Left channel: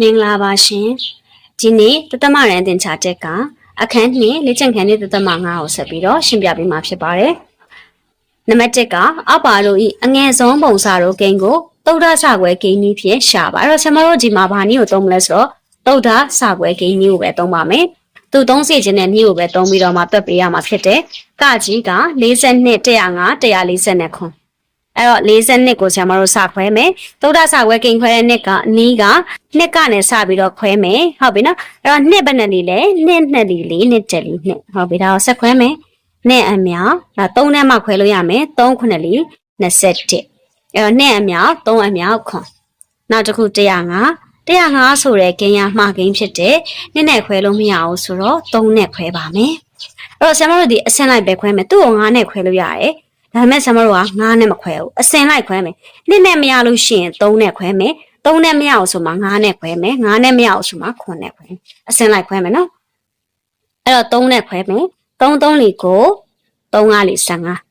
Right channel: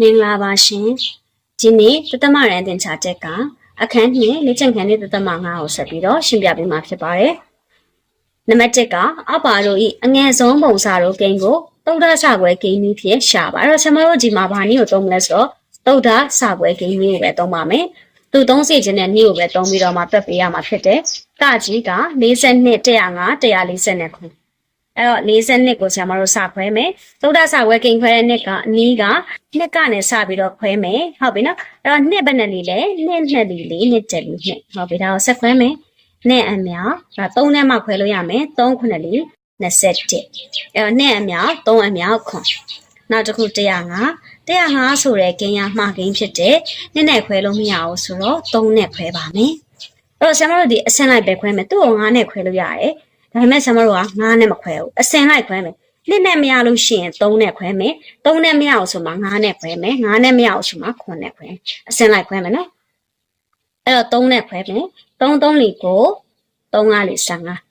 မင်္ဂလာပါရှင်ဒီနေ့တသမရန်တင်ချတက်ကအခန်းနှစ်လေ့ကျင့်ခန်းလေးတသမ9ကိုဆက်ပြီးတော့ရှင်းပြပေးမှာဖြစ်ပါတယ်နံပါတ်1ကအပါတို့ဤအငယ်ဆုံးပုံစံတို့ဂိမ်းကိုသုဒ္ဓဆခွဲဂိမ်းနည်းဖြင့်ရှာပါအဲ့တော့ဆင်မတို့ဒီမှာဘာနည်းကိုသုံးမလဲဆိုတော့သုဒ္ဓဆခွဲဂိမ်းနည်းကိုပဲသုံးပါမယ်သူသုံးစီခြင်းနဲ့နည်းကိုပဲသုံးပြီးတော့မှတွက်ပေးရမှာဖြစ်တယ်ကကြီးက42 105 140 ခွန်အဲ့တော့42ကိုဆရာမတို့စခွဲမယ်သုဒ္ဓဆခွဲဂိမ်းခွဲတဲ့နှစ်ကနီးကနှစ်ကနေစပြီးတော့ခွဲမယ်ဟုတ်ပြီနော်အဲ့တော့နှစ်ဘယ်နဲ့လီလဲနှစ်နှစ်လီလေးနှစ်ချက်လီနှစ်ဟုတ်ပြီဒါကိုဆက်ခွဲမယ်နှစ်အမြောက်ဒါ3နဲ့မှခွဲလို့ရမယ်3ခုနှစ်လီ21အဲ့တော့နှစ်အမြောက်3အမြောက်ခွန်နောက်တစ်ခု105 105ဆိုတဲ့ဂိမ်းရမှားဂိမ်းဖြစ်တဲ့နှစ်နဲ့ခွဲလို့မရအောင်ဆိုတော့3နဲ့ခွဲပါမယ်အဲ့တော့ဆရာမတို့ဒီအဆင့်လိုက်ပဲခွဲမယ်သူ့ကို9နဲ့ခွဲလို့ရတယ် ဒါပေမဲ့ဆရာမတို့က9နဲ့မခွဲဘူးအစင်လိုက်ခွဲမယ်နှစ်နဲ့မရလို့ရှိရင်3နဲ့ခွဲမယ်3နဲ့မရအောင်ဆိုမှ9နဲ့ခွဲမယ်9နဲ့မရအောင်ဆိုမှ9နဲ့ခွဲမယ်အစင်လိုက်ခွဲမယ်နော်အဲ့တော့3နဲ့ခွဲမယ်3 3လီကို3 5လီ15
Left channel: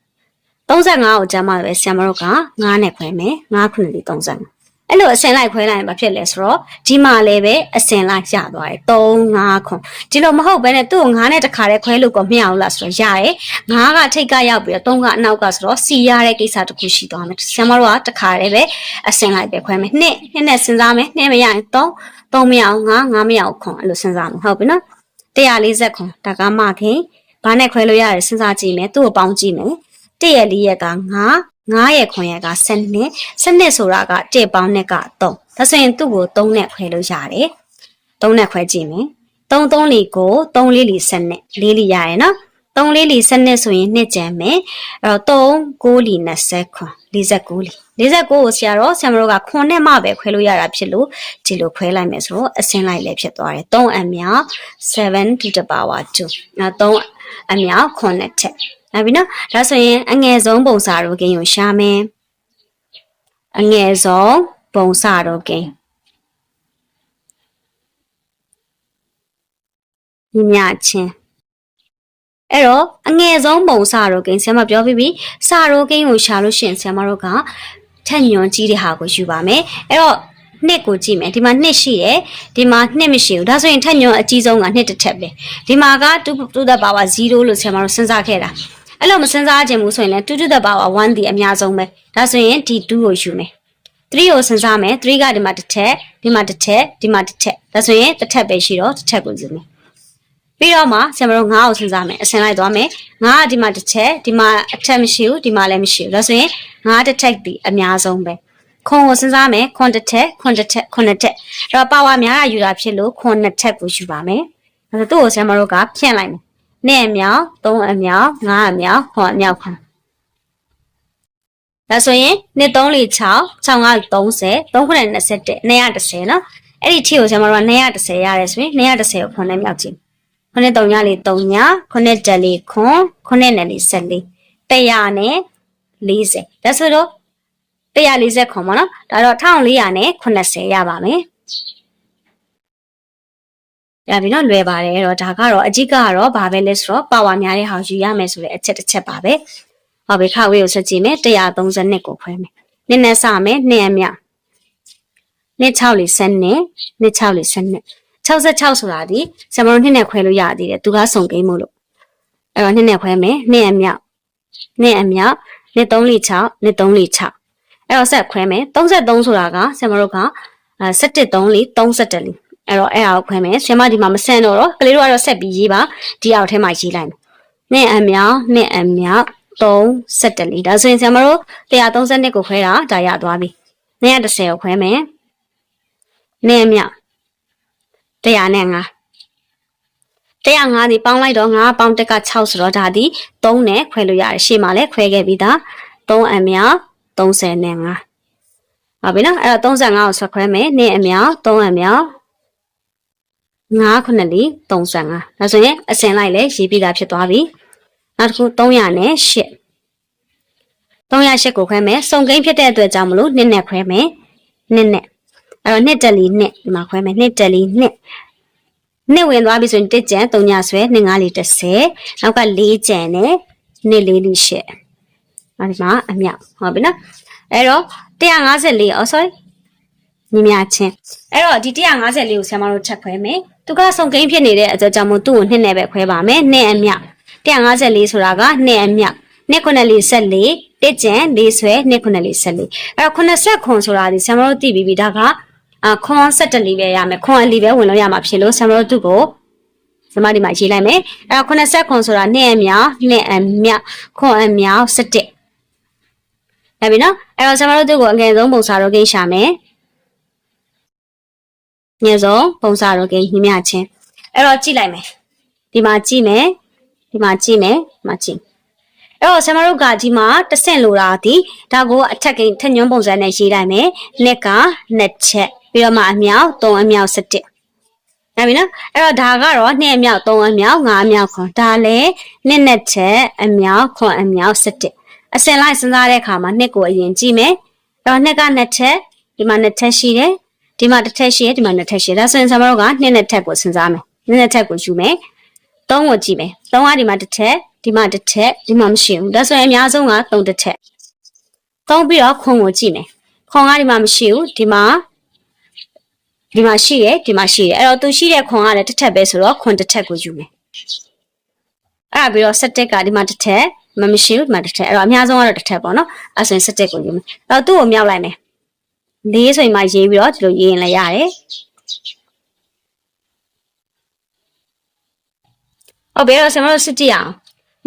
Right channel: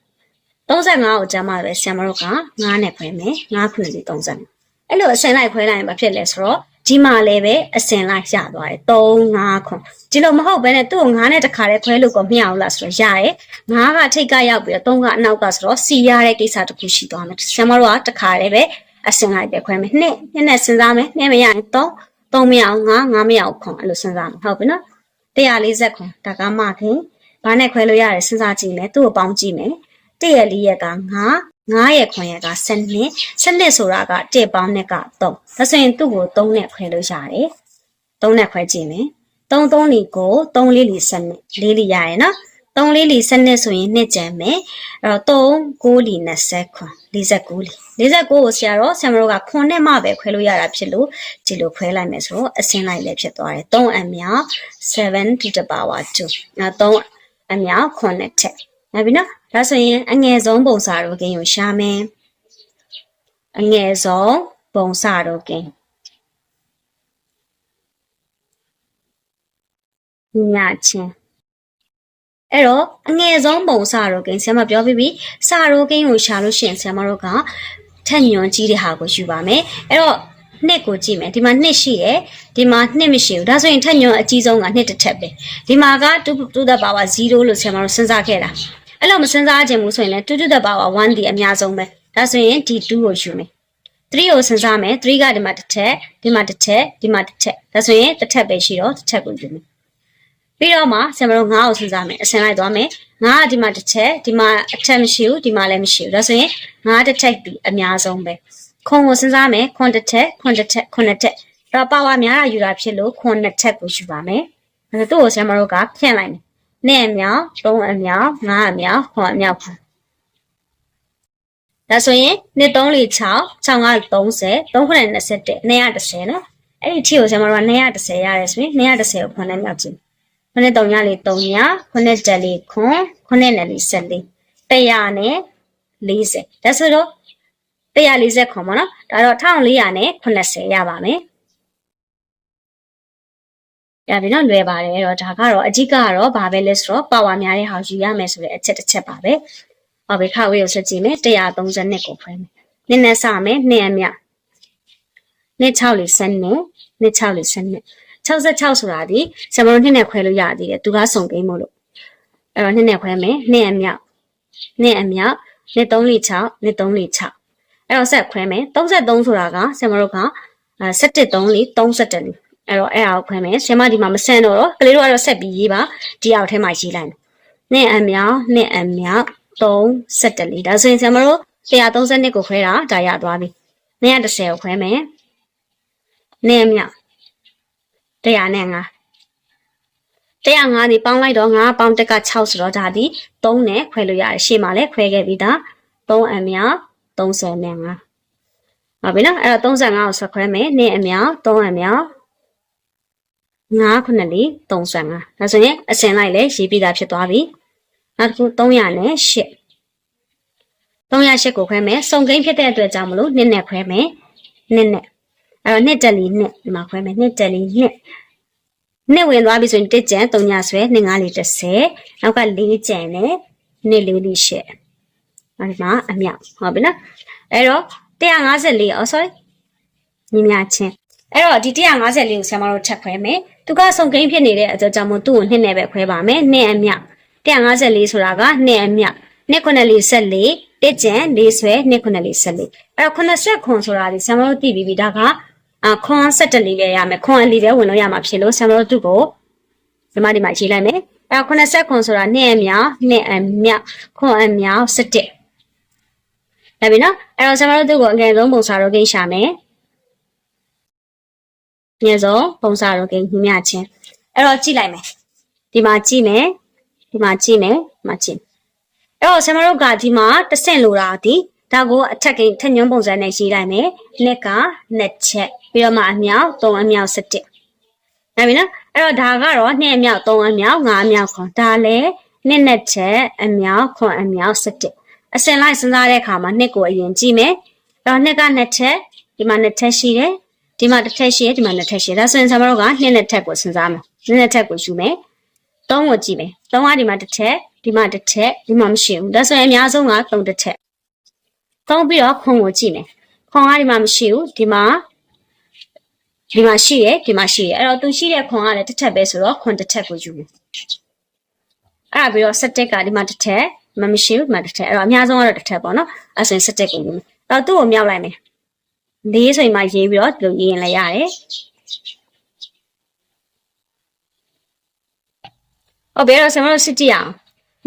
35ကိုကျမပဲဆရာမတို့က9နဲ့ခွဲမယ်9ခုလီ35 အဲ့လိုအစင်လိုက်ခွဲလိုက်ရင်ဘာဖြစ်လဲဆိုတော့ဒီမှာလည်းပဲအစင်လိုက်ရသွားတယ်3 5ခွန်ဒီလိုမဟုတ်ဘဲနဲ့သူ့ကို9နဲ့တစ်ခါတည်းခွဲလို့ကိုမရဘူးလားဆိုတော့ရတယ်9ကထိတ်ကရောက်ပြီးတော့3ကအနောက်ကဆိုတော့စီရတဲ့ကိစ္စတစ်ခုရှိသွားမယ်ဆရာမတို့ကတစ်ခါတည်းပဲအစင်လိုက်ပဲခွဲမယ်နှစ်နှစ်နဲ့စဉ်းစားမယ်နှစ်မရရင်3 3မရအောင်9 9မရအောင်ခွန်အဲ့လိုစဉ်းစားမှာဟုတ်ပြီနော်140ခွန်ဒါကမှခင်ဘာနဲ့ခွဲလို့ရတယ်စဉ်းစားကြည့်မယ်သူ့ကိုပေါင်းကြည့်မယ်1ရက်4ရက်က9 9ရက်ခွန်ရက်က7နှစ်7နှစ်ဆိုတာက1ပေါင်းနဲ့က3ဒါဆိုရင်သူ့ကို3နဲ့ခွဲလို့ရတယ်3နဲ့ခွဲကြည့်မယ်3 3လီကို3လေးလီ7နှစ်4လီရရယ်နော်3လေးလီ7နှစ်ဆိုရင်နှစ်ကျန်မယ်အဲ့တော့3 9လီ20ခွန်49လီ49ကိုဆရာတော့ဆရာမတို့ကခွန်နဲ့မှပဲခွဲလို့ရတာဖြစ်လို့ဒီလိုခွဲလိုက်မယ်ဆိုတော့အစင်းလိုက်လည်းဖြစ်သွားတယ်3အမြောက်7 to the power 2အဲ့3အမြောက်ခွန်နဲ့ထက် နောက်ပြီနော်ဒါဆိုရင်အငယ်ဆုံးပုံစံတို့ဂိမ်းကိုရှာမယ်အငယ်ဆုံးပုံစံတို့ဂိမ်းညချင်းအဲ့တော့အငယ်ဆုံးပုံစံတို့ဂိမ်းဆရာမပြောပြီးပြီစာတို့ဂိမ်းကိုရှာလို့ရှိရင်ဆရာမတို့ကထက်ညွန်ကြီးတဲ့ဟာကိုယူပါမယ်အဲ့တော့နှစ်ကိုကြည့်မယ်ဒီမှာနှစ်ရှိတယ်ဒီမှာနှစ်မရှိဘူးဒါဆိုရင်ထက်ညွန်အကြီးဆုံးကနှစ်တစ်ထက်ပဲဒီမှာက2 to the power 0လို့ဆရာမတို့စဉ်းစားခဲ့တာ အဲ့လိုမစဉ်းစားခြင်းဘူးဆိုရင်လည်း2 to the power 1ဒီအများဆုံးပဲဒါဆိုရင်ဒီ2ကိုယူမယ်3ကိုစဉ်းစားမယ်3ကဒီမှာတစ်ထက်ဒီမှာတစ်ထက်ဒီမှာတစ်ထက်ဒါဆိုရင်တစ်ထက်ပဲရှိတော့တစ်ထက်ကိုယူမယ်ပြီးတော့မှဆရာမတို့9ကိုစဉ်းစားမယ်အစင်လိုက်သွားမယ်9ကဒီမှာတစ်ထက်ဒီမှာအထက်မရှိဘူးဒီမှာလည်းမရှိဘူးဒါဆိုရင်9တစ်ထက်ဒီအများဆုံးပဲခွန်ကိုစဉ်းစားမယ်ခွန်တစ်ထက်ခွန်တစ်ထက်ခွန်တစ်ထက်အဲ့တော့ပါဝါများတာယူတာဖြစ်လို့ခွန်နှစ်ထက်ကိုယူပါမယ်အဲ့တော့သူ့ကိုဆရာမတို့ကဖြန့်လိုက်မယ် နှစ်အမြောက်သုံးအမြောက်ငါးအမြောက်ခွန်အမြောက်ခွန်ဒါဆိုရင်နှစ်3လ6 6က30 3ခုနဲ့21 210နော်အဲ့ဒီထီကိုဆရာမတို့က210ရတယ်ဆိုရင်210ကိုခွန်နဲ့မြောက်ကြည့်ခုနှစ်3ညလေး3ညခုနှစ်တက်လေးခွန်ခုနှစ်နဲ့လေး14 100နဲ့40ဒါဆိုတော့140ခွန်ပါနော်ဒါတော့1400နဲ့80ရပါမယ် ရပြီနော်လွယ်ပါတယ်အဲ့တော့ဒါကတော့အကြီးကတော့ဘာပဲလဲဆိုတော့ပါဝါများတဲ့ဟာယူရမယ်ဆိုတဲ့အချက်တစ်ချက်ပါပဲဟောပြီခါဝေးကိုဆက်ကြည့်မယ်132ကိုခွဲမယ်နည်းနည်းစမယ်နှစ်အမြနှစ်6လေး7နဲ့နှစ်6လေး7နဲ့66ဆိုတာဒီဆမတို့နှစ်နဲ့ခွဲလို့ရသေးတယ်သူကစုံကိန်းမို့လို့အဲ့တော့နှစ်နဲ့ခွဲမယ်နှစ်အမြနှစ်အမြနှစ်3လေး6နှစ်3လေး6အဲ့တော့ဆက်ခွဲမယ်33ဆိုတာကဆမတို့က17 3လေး31လေး အဲ့တော့အဲ့ဒါကိုခွဲမယ်ဆရာမဒီမှာမဆန်တော့တော့ကလေးတို့ကတော့ဆက်ပြီးရေးပါဒီအောက်ထဲမှာရေးလိုက်မယ်နှစ်အမြောက်နှစ်အမြောက်31လေးဒါဆိုရင်ဆရာမတို့132ကိုခွဲတာဒါရသွားပြီ210ကိုခွဲမယ်နှစ်အမြောက်100နဲ့5 105ဒီပေါင်းလိုက်တော့5ပေါင်းတက်က6ဆိုတော့ဒါဒီ3နဲ့ခွဲလို့ရတယ်ရှေ့မှာလည်းခွဲခဲ့ပြီးသား3အမြောက်30နဲ့5ဟုတ်ပြီနော်အဲ့တော့35ကိုဆက်ခွဲမယ်နှစ်အမြောက်3အမြောက် 9ခုနှစ်လီ35ဒါဆိုရင်အစင်လိုက်လေရေးပြီးသားဖြစ်သွားပြီနောက်တစ်ခု300နဲ့8 308ကိုခွဲမယ်စုံကိန်းဖြစ်တဲ့အတွက်ကြောင့်မလို့နှစ်နဲ့ခွဲမယ်နှစ်နဲ့အဲ့တော့နှစ်တက်လီနှစ်ဒီမှာခွဲမယ်နှစ်တက်လီနှစ်နှစ်ဝင်သွားပြီဆိုရင်တစ်ကြံ3ညဆွဲနှစ်5လီ30နောက်က4ကြံနဲ့နှစ်4လီ8အဲ့ဒီမှာအမြောက်ဟုတ်ပြီနော်အဲ့တော့154အော် sorry ညီမချင်းအဲ့တော့ဒီ154ကိုဆရာမတို့ချက်ခွဲမယ် သူကစုံကိန်းဖြစ်နေတဲ့အကြောကြောင့်မို့သူ့ကိုနှစ်နဲ့ပဲခွဲပါမယ်နှစ်အမြောက်154ဆိုတာကနှစ်အမြောက်နှစ်ခုနှစ်လေးဆက်လေးတစ်ကျန်လေးဆွဲနှစ်ခုနှစ်လေးဆက်လေးအဲ့တော့80ခွန်ဆိုတာဒီဆရာမတို့သိပြီးပြီဒါကအာခွန်17လေးပဲရမယ်ခွန်အလီပဲဝင်လို့ရမှာဖြစ်လို့ဆရာမတို့သူ့ကိုဒီမှာဒီမှာရေးလိုက်မယ်အဲ့တော့80ခွန်ဆိုတာနှစ်အမြောက်နှစ်အမြောက်ခွန်အမြောက်17ဒါပြီနော်အဲ့တော့ဆရာမတို့သူ့ကိုအငယ်ဆုံးပုံစာတော့ကိန်းရှာမယ် ငယ်ဆုံးပုံစာတော့ကိန်းညီမချင်းအဲ့တော့ကြည့်လိုက်မယ်ဒီမှာကြည့်မယ်ဒီမှာကြည့်မယ်ဒီမှာကြည့်အဲ့တော့ဆရာမတို့ကဒီမှာတစ်ဆင့်လိုတာဒီဒါကိုအထက်ကိန်းထက်ညွှန်းပုံစံနဲ့ရေးလိုက်မယ်နှစ်ကနှစ်ချက်ပြီးတော့မှအမြောက်၃အမြောက်17ဒါပြီနော်အဲ့တော့ဒါကတော့နှစ်အမြောက်၃အမြောက်၅အမြောက်ခွန်ဒါလည်းနှစ်နှစ်ချက်အမြောက်ခွန်အမြောက်17အစင်လိုက်စဉ်းစားတဲ့အခါမှာနှစ်ကိုအရင်ကြည့်မယ်အဲ့တော့နှစ်ကနှစ်ချက်ဒီမှာနှစ်ချက်ရှိတယ် ဒီမှာတစ်ထက်ရှိတယ်ဒီမှာနှစ်ထက်ရှိတယ်ဒါဆိုရင်ဆရာမတို့ကနှစ်နှစ်ထက်ကိုစဉ်းစားမယ်နှစ်နှစ်ထက်ကိုယူမယ်သုံးကိုကြည့်မယ်သုံးကဒီမှာတစ်ထက်ဒီမှာတစ်ထက်ဒီမှာမရှိဘူးဒါဆိုရင်အများဆုံးကသုံးတစ်ထက်သုံးပြီးတော့ခွန်ကိုကြည့်မယ်ခွန်ကဒီမှာမရှိဘူးဒီမှာဒီမှာရှိရဒီမှာရှိရအဲ့တော့သူရှိတဲ့ခွန်ကလည်းတစ်ထက်ပဲဆိုတော့ခွန်တစ်ထက်ကိုယူမယ်အဲ့ဒါပြီးတော့ဆက်တက်ကဒီမှာတစ်ထက်မမရှိဘူးဒီမှာတစ်ထက်အဲ့တော့အများဆုံးကတော့တစ်ထက်ပေါ့နော်အဲ့ဆိုရင်ဆက်တက်ကိုယူမယ်အဲ့တော့သူ့ကိုမြောက်လိုက်မယ် လေးဆိုရင်မှရေးပြီးတော့ဒီလိုရေးရင်လည်းရတယ်ဟုတ်ပြီအဲ့တော့ဆရာမတို့စစ်ကြည့်အောင်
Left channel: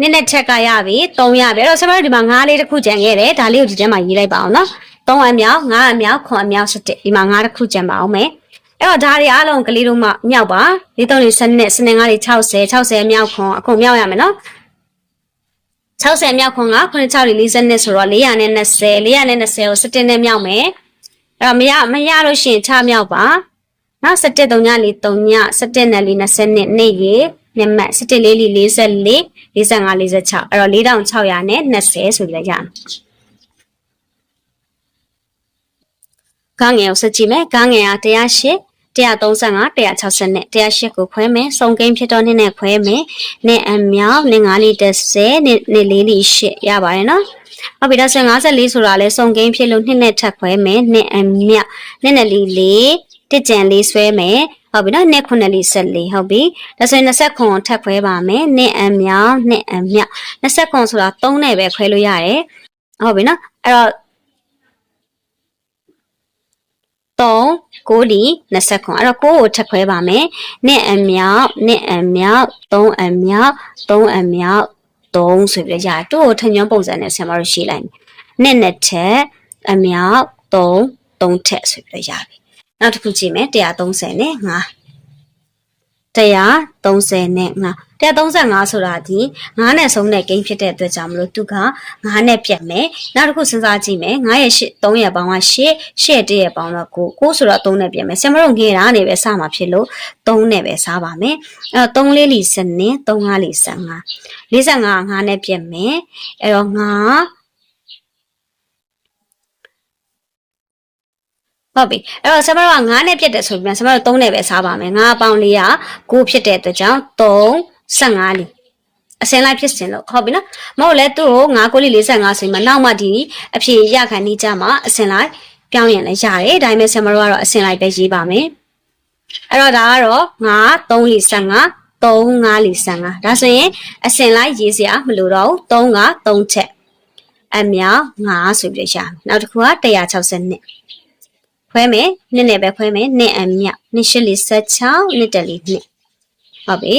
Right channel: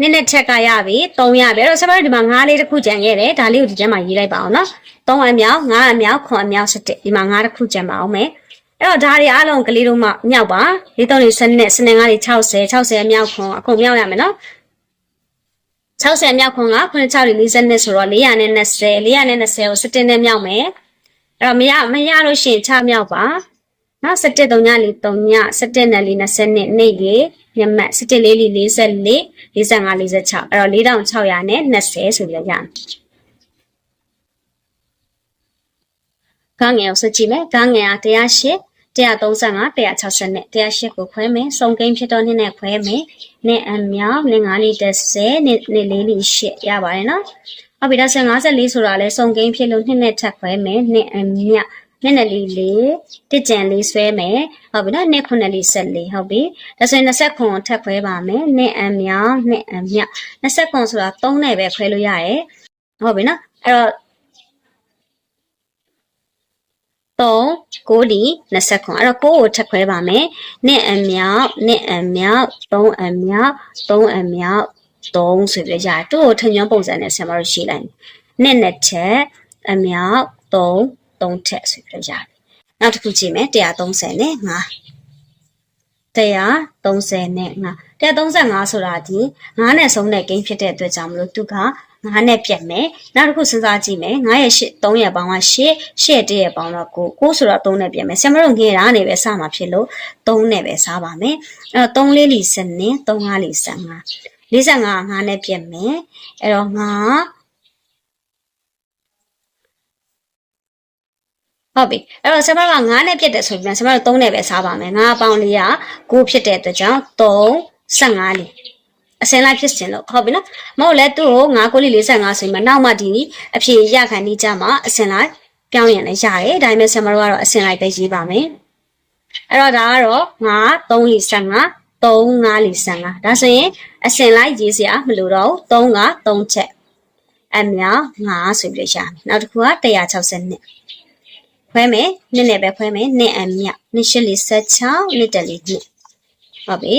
နည်းနည်းချက်ကရပြီ3ရပြီအဲ့တော့ဆရာမတို့ဒီမှာ9လေးတစ်ခုကြံခဲ့တယ်ဒါလေးကိုဒီထဲမှာရေးလိုက်ပါအောင်နော်3အမြောက်9အမြောက်9အမြောက်7ဒီမှာ9တစ်ခုကြံပါအောင်မယ်အဲ့တော့ဒါတွေအားလုံးကလေးတို့မှမြောက်ပါလေး3လေး7နဲ့7နဲ့9လေး60 60အမြောက်ခွန်အခုမြောက်ရမယ်နော်60မြောက်ခွန်က96လေး40နဲ့ဆိုတော့420 420ကို7နဲ့မြောက်မယ် အဲ့တော့မရမရလို့ရှိရင်ချမြောက်ပါနော်17 3ညလေး3ည17နဲ့လေး20နဲ့နေ့ရေညမတ်17လေးလေး44 45 46အဲ့တော့4600နဲ့20ဆိုပြီးလိုက်ရအောင်ကငယ်ကိုစကြည့်မယ်ကငယ်က108 135 160နဲ့108ကိုခွဲမယ်စုံကိန်းဖြစ်တော့နည်းနဲ့ခွဲမယ်နဲ့အမြောက်နဲ့9လီ30နဲ့နဲ့4လီ8ရပါတယ်နော်ဟုတ်ပြီဒါဆို54ဆိုတာလဲစုံကိန်းဖြစ်လို့နှစ်နဲ့ထပ်ခွဲမယ်နဲ့အမြောက်နဲ့နဲ့လီ4တစ်ကြံလေးဆွဲမယ်ဟုတ်ပြီနော်နှစ်ခုနှစ်လီ14ဟုတ်ပြီဒါဆိုရင်20ခွန်ထပ်ခွဲပါမယ်နှစ်အမြောက်နှစ်အမြောက်20ခွန်ဆိုတာ3နဲ့ပဲခွဲလို့ရတယ်ဟုတ်ပြီနော်အဲ့တော့ 3 9လီ20ခွန်အဲ့တော့9ကိုထပ်ခွဲပါမယ်နှစ်အမြောက်နှစ်အမြောက်3အမြောက်3အမြောက်3ဆိုပြီးရတူကိုထညွန်းပုံစံနဲ့ဆင်မလို့ရှိလိုက်မယ်နှစ်နှစ်ထက်အမြောက်3 3ထက်ဆိုပြီးရပြီနောက်တစ်ခုကြည့်မယ်130နဲ့5 130နဲ့5 135ဆိုတာဒီ9နဲ့ဆုံးတဲ့ကိန်းဖြစ်တဲ့အတွက်ကြောင့်မလို့သူက9နဲ့ပြတ်မယ်နောက်တစ်ခုစဉ်းစားကြည့်မယ်9ရဲ့8 3ရဲ့ပေါင်းက8 8ရဲ့1ရဲ့ပေါင်းတော့9 9ဆိုတော့3နဲ့ပြတ်မယ်ဆင်မတို့ငယ်တာနေပဲစမှာဖြစ်လို့3နဲ့ပဲစားပါမယ်အဲတော့3လေးလီစနစ်3 5လီ15 45 9နဲ့ပြတ်မယ်အဲ့တော့9ဟုတ်ပြီအဲ့တော့ဆမတို့က9နဲ့ပြတ်တယ်ဆိုပြီးဆမတို့3နဲ့ပဲစားပါမယ်9ပေါင်းလေးက9ဖြစ်တဲ့အတွက်ကြောင့်3 15လီအစင်လိုက်ဖြစ်စင်လို့ဟုတ်ပြီနော်မဟုတ်လဲသူ့ကို9ကိုလီ45ဆိုရင်မနောက်မှဒီအဖြေရခံနေကြမှာအစင်လိုက်ပြောင်းရင်လည်းရတယ်ဒါပေမဲ့ဆမတို့ကတော့အစင်လိုက်ပဲရေးပါမယ်အဲ့တော့ဒါကတော့9 3လီ15 3 5လီ15ဒါဆိုရင်အစင်လိုက်ရေးစရာမလိုတော့ဘူး3က3ချက်အမြောက်9ဆိုပြီးရမယ်နောက်တစ်ခုက160နှစ်ခွဲမယ်နှစ်နဲ့ပဲခွဲမယ်နှစ်အမြောက်နှစ်ရှစ်လေး16နှစ်တက်လေးနှစ်ဟုတ်ပြီ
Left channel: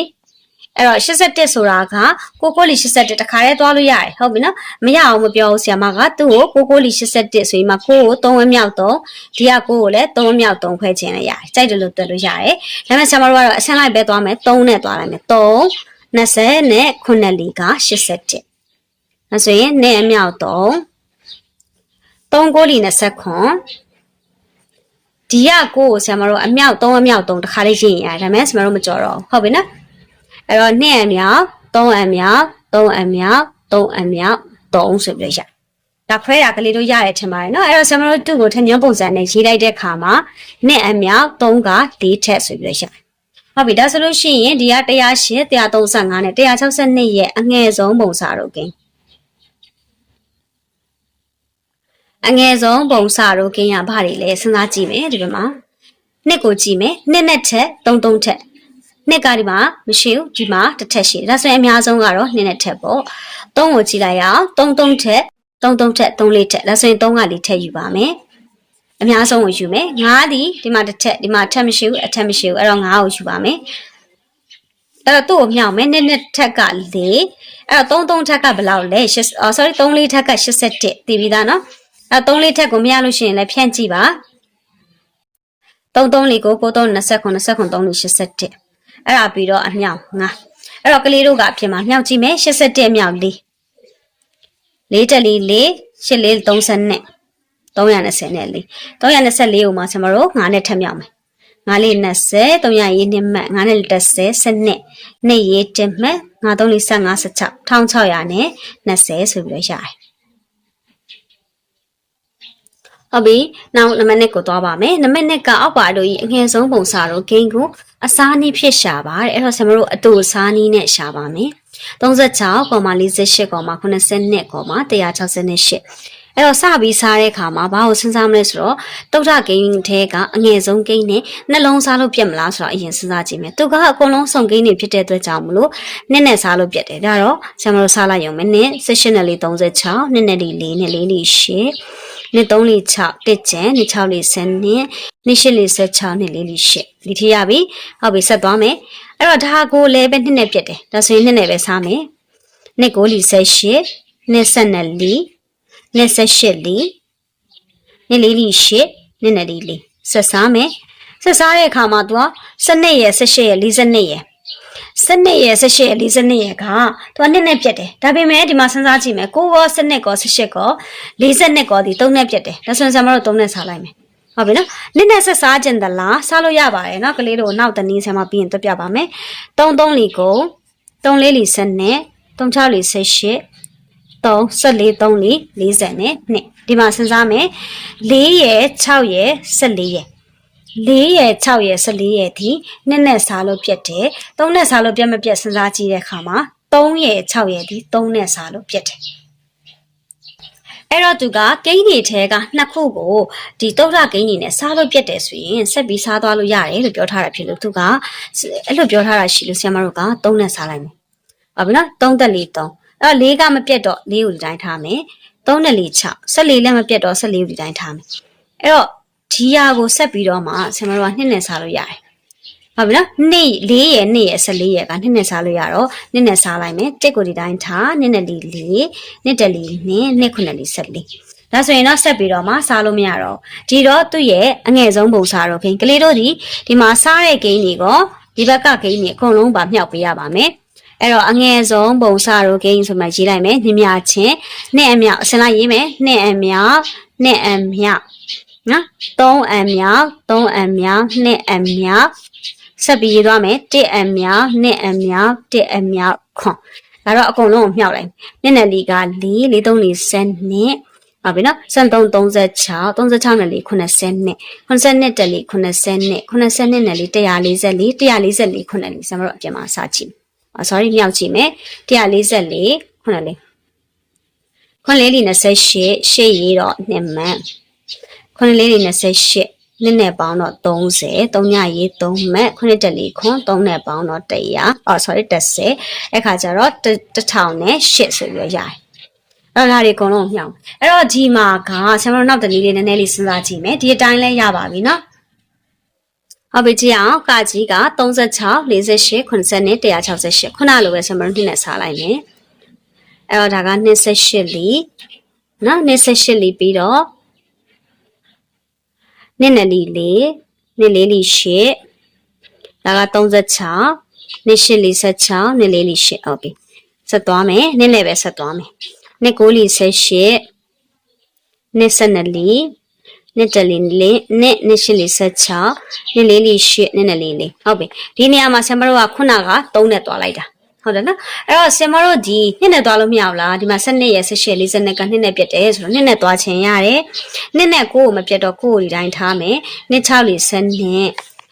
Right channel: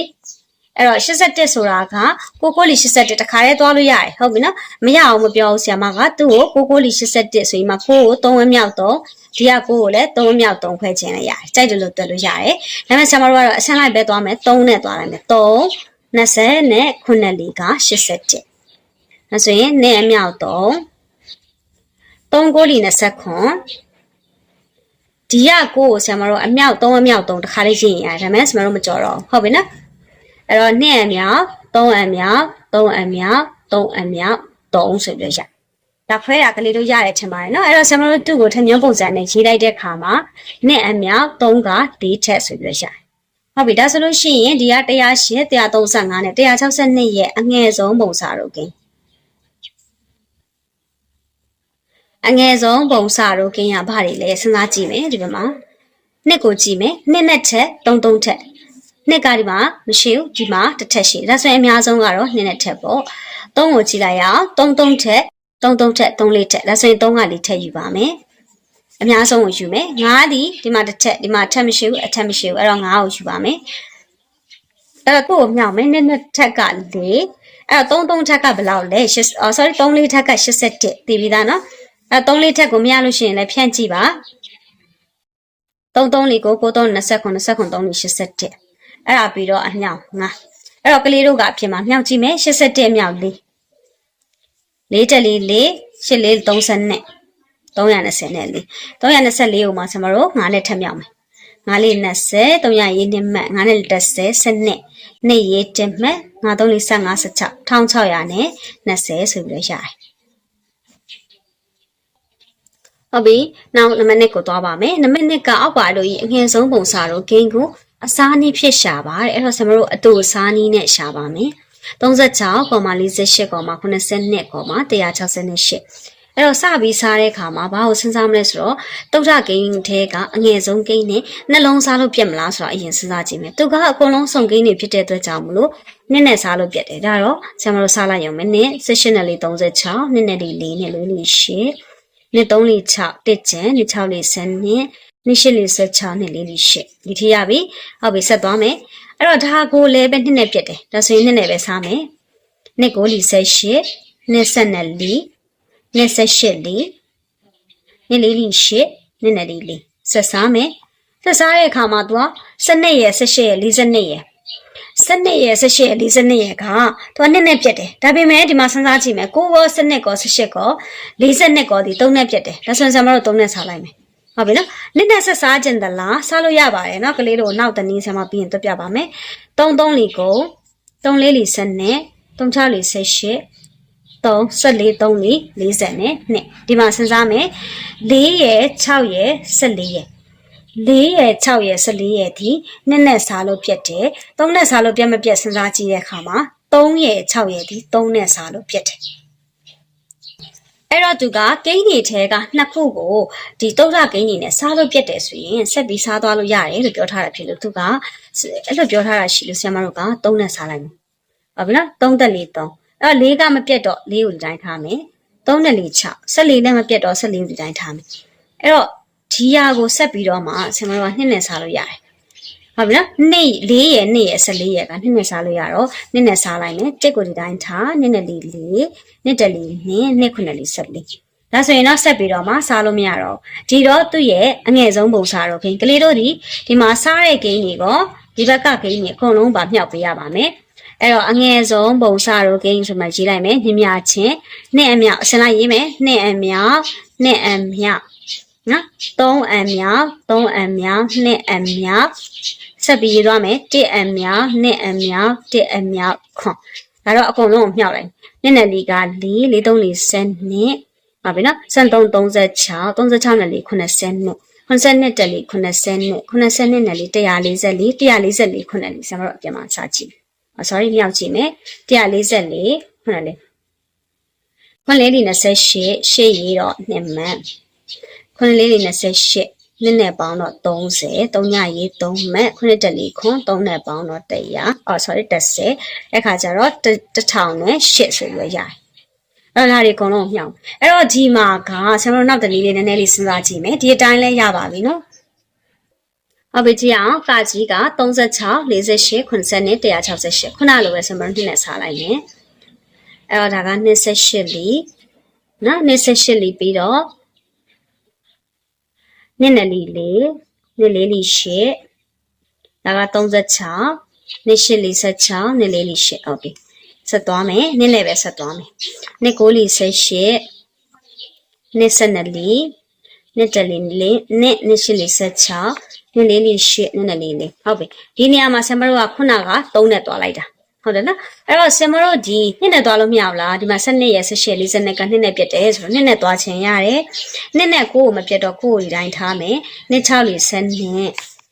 အဲ့တော့81ဆိုတာကကိုကိုလီ81တခါတည်းသွားလို့ရတယ်ဟုတ်ပြီနော်မရအောင်မပြောဘူးဆရာမကသူ့ကိုကိုကိုလီ81ဆိုရင်မှကိုကို3ဝင်းမြောက်3ဒီကကိုကိုလည်း3ဝင်းမြောက်3ခွဲခြင်းလည်းရတယ်ကြိုက်တယ်လို့တွက်လို့ရတယ်ဒါပေမဲ့ဆရာမတို့ကတော့အဆင့်လိုက်ပဲသွားမယ်3နဲ့သွားရမယ်3 20နဲ့9လီက81ဒါဆိုရင်နဲ့အမြောက်3 3ကိုလီ20ခွန်ဒီကကိုကိုဆရာမတို့အမြောက်3အမြောက်3တခါလေးပြင်ရတယ်ဒါပေမဲ့ဆရာမတို့မကြော်တော့ဟုတ်ပြီနော် အဲ့တော့2အမြောက်3အမြောက်3အမြောက်3အမြောက်3ဆိုပြီးရဒါခွဲတာကလေးတို့ရတယ်ထင်ပါတယ်နော်အဲ့တော့ဆရာမတို့သူ့ကိုထမြုံပုံစံနဲ့ရေးလိုက်တဲ့ခါမှာ2အမြောက်3က4ထက်ဆိုပြီးရဟုတ်ပြီဒါဆိုလို့ရှိရင်ဒီက108 135နဲ့162ရဲ့အငယ်ဆုံးပုံစံတို့ကိန်းအငယ်ဆုံးပုံစတို့ကင်းရဘာတွေလဲစဉ်းစားကြည့်မယ်ဒီဘက်မှာနှစ်ကိုကြည့်မယ်နှစ်နဲ့ထက်သုံးသုံးထက် နှစ်ကဒီမှာမရှိဘူးဒီမှာတစ်ထက်ရှိတယ်ဒါဆိုရင်အများဆုံးကတော့နှစ်နဲ့ထက်ပေါ့သုံးကိုကြည့်လိုက်ရအောင်သုံးသုံးထက်သုံးသုံးထက်သုံးလေးထက်ဒါဆိုရင်သုံးကလေးထက်ယူပါမယ်အများဆုံးကိုယူမယ်ငါးဒီဒီမှာတစ်ထက်ဒီမှာထက်မရှိဘူးအထက်မရှိဘူးအဲ့တော့ငါးကိုယူပါမယ်အဲ့တော့သူ့ကိုမြောက်မယ်နှစ်နှစ်ထက်ကလေးအဲ့တော့သုံးသုံးထက်ကဘယ်လောက်လဲရှစ်အော် sorry သုံးလေးထက်က81တည်ပြီးသားနော်အဲ့သုံးလေးထက်ကိုမရလို့ရှိရင်လည်းဖြန့်ကြည့်ပါသုံးသုံးလေးကိုကိုသုံး29 29 3လေး81 အဲ့ဒါပြီးတော့အမြောက်ငါအဲ့တော့ကလေးတို့ကအပြင်မှာမြောက်ကြည့်မယ်81အမြောက်လေးလေးတက်လေးလေးရှစ်လေး30နဲ့320နဲ့လေး324ကိုမှကျွန်တော်တို့9နဲ့ထပ်မြောက်မယ်9လေး20 300ရေးနှစ်မှတ်9နဲ့30စနစ်နှစ်ရေးတင်မှတ်9 3လေး15 16 1600နဲ့20ဆိုပြီးတော့ရတယ်ဟုတ်ပြီနောက်နံပါတ်1ကိုသွားပါမယ်နံပါတ်2ကအောက်ပါလို့ဤအငယ်ဆုံးပုံစံတော့ဂိမ်းကို အစားနည်းဖြစ်ရှာပါတယ်အဲ့တော့ဆင်မတို့အတူအစားနည်းနဲ့ရှာပါမယ်36.48.82.168အဲ့တော့စပြီးစားတဲ့အခါမှာဘာကိုစဉ်းစားမလဲဆိုတော့တုတ်ထဂိမ်းထဲကအငယ်ဆုံးဂိမ်းနဲ့နှလုံးစားလို့ပြတ်မလားဆိုတော့အရင်စဉ်းစားကြည့်မယ်သူကအကုန်လုံးစုံဂိမ်းတွေဖြစ်တဲ့အတွက်ကြောင့်မလို့နစ်နဲ့စားလို့ပြတ်တယ်ဒါတော့ဆင်မတို့စားလိုက်ရုံပဲနစ်16နဲ့လေး36နစ်နဲ့လေး4နဲ့လေးလေး8နှစ်3လေး6တစ်ကျန်နှစ်6လေး10နှစ် နှစ်8လေး16နှစ်လေးလေး8ဒီထရပြီဟုတ်ပြီဆက်သွားမယ်အဲ့တော့ဒါကိုလည်းပဲနှစ်နဲ့ပြတ်တယ်ဒါဆိုရင်နှစ်နဲ့ပဲစားမယ်နှစ်9လေး18နှစ်7နဲ့4နှစ်18လေးနှစ်လေးလေး8နှစ်နဲ့လေးလေးဆက်စားမယ်ဆက်စားတဲ့အခါမှာ तू က12ရယ်18ရယ်42ရယ်စနစ်ရယ်18ရယ်42ရယ်ကသူကနှစ်နဲ့ပြတ်တယ်ဒါပေမဲ့ဒီမှာစဉ်းစားကြည့်မယ်ကိုကောစနစ်ကော18ကော42ကောဒီ3နဲ့ပြတ်တယ်ဒါဆိုရင်ဆရာမတို့3နဲ့စားလိုက်မယ် ဟုတ်ပြီနော်နှစ်နဲ့ဆက်စားခြင်းသလားစားလို့ရပါတယ်နော်ကလေးတို့နောက်တနည်းဆရာမပြီးရင်တွက်ပြပါမယ်3 3လီကို3လေးလီ7နဲ့3 6လီ18 3 14 3လီ40နဲ့2ဒီမှာစဉ်းစားမယ်4ရယ်6ရယ်14ရယ်4ရယ်6ရယ်14ရယ်ဒီနှစ်နဲ့စားလို့ပြတ်တယ်3နဲ့စားလို့ပြတ်မပြတ်စဉ်းစားကြည့်တဲ့အခါမှာ3ရယ်6ရယ်ဒီ3နဲ့စားလို့ပြတ်တယ် အဲ့တော့သူကကိန်းကြီးထဲကနှစ်ခုကိုဒီတုတ်ရကိန်းကြီးနဲ့စားလို့ပြတ်တယ်ဆိုရင်ဆက်ပြီးစားသွားလို့ရတယ်လို့ပြောထားတာဖြစ်လို့သူကအဲ့လိုပြောထားတာရှိလို့ဆရာမတို့က3နဲ့စားလိုက်မယ်ဟုတ်ပြီနော်3တက်4 3အဲ့တော့4ကမပြတ်တော့4ကိုဒီတိုင်းထားမယ်3နဲ့4 6 14လည်းမပြတ်တော့14ကိုဒီတိုင်းထားမယ်အဲ့တော့ဒီဟာကိုဆက်ပြီးတော့မှဆရာမတို့ကနှစ်နဲ့စားလို့ရတယ် ဟုတ်ပြီနော်နှစ်၄ရယ်နှစ်ရယ်14ရယ်ကနှစ်နဲ့စားလို့ရတော့နှစ်နဲ့စားလိုက်မယ်တစ်ကိုဒီတိုင်းထားနှစ်နဲ့လေးလေးနှစ်တလေးနှစ်နှစ်ခုနဲ့လေး14ဒါဆိုရင်တော့ဆက်ပြီးတော့မှစားလို့မရတော့ဒီတော့သူ့ရဲ့အငယ်ဆုံးပုံစားတော့ခင်ကလေးတို့ဒီဒီမှာစားတဲ့ဂိမ်းတွေကဒီဘက်ကဂိမ်းတွေအကုန်လုံးပါမြောက်ပေးရပါမယ်အဲ့တော့အငယ်ဆုံးပုံစတို့ဂိမ်းဆိုမှရေးလိုက်မယ်ညမြချင်းနှစ်အမြောက်အစလိုက်ရေးမယ်နှစ်အမြောက်နှစ်အမြောက်နော်သုံးအမြောက်သုံးအမြောက်နှစ်အမြောက် ဆက်ပြီးရေးသွားမယ်တစ်အမြောက်နှစ်အမြောက်တစ်အမြောက်ခွန်ဒါတော့အကုန်လုံးကိုမြှောက်လိုက်မျက်နှာလေးက4 4 3 4 7နှစ်ပါပြီနော်73 36 36နဲ့လေး90နှစ်90နှစ်တက်လေး90နှစ်90နှစ်နဲ့လေး144 144ခုနှစ်လေးကျွန်တော်တို့အပြင်မှာစကြည့်။ ah sorry မြောက်ကြည့်မယ်144ခုနှစ်လေးခွန်းလေးလေး28ရှေ့ရေးတော့နှစ်မှန်ခွန်းလေးလေး28 နှစ်နဲ့ပေါင်းတော့30 3ညရေး3မှတ်ခုနှစ်တက်လေးခွန်း3နဲ့ပေါင်းတော့100အော် sorry 30အဲ့ခါကျတော့1000နဲ့8ဆိုပြီးရရတယ်အဲ့ဒါတွေအကုန်လုံးမြှောက်အဲ့တော့ဒီမှာကဆရာမတို့နောက်တနည်းလေးနည်းနည်းလေးစဉ်းစားကြည့်မယ်ဒီအတိုင်းလဲရပါပြီနော်ဟုတ်ပြီကြည့်အောင်ကကြီးက36 48 90နဲ့168ခုနလိုပဲဆရာမတို့နှစ်နဲ့စားလိုက်မယ်အဲ့တော့ဒါက28လီနော်28လီပြီးတော့ နှစ်နဲ့လီလေးနှစ်လေးလီ8ဒါက36နှစ်8လီ16နှစ်လေးလီ8ဟုတ်ပြီဆက်သွားမယ်နှစ်နဲ့ပဲဆက်သွားမယ်နှစ်9လီ18နှစ်12လီနှစ်တလီလေးနှစ်နှစ်ရှိလေး16နှစ်လေးလေးရှစ်နှစ်နဲ့လေးလေးဟုတ်ပြီဒီနေရာမှာဆင်မတို့ကခုနက3နဲ့တွားလိုက်တာ ဟုတ်တယ်နော်အဲ့တော့ဆင်မတို့ဒီနှစ်နဲ့သွားလို့မရဘူးလားဒီမှာ7ရက်16 42ကနှစ်နဲ့ပြတ်တယ်ဆိုတော့နှစ်နဲ့သွားချင်ရတယ်နှစ်နဲ့ကိုယ်ကိုမပြတ်တော့ကိုယ်ကိုဒီတိုင်းထားမယ်နှစ်6လေး10နှစ်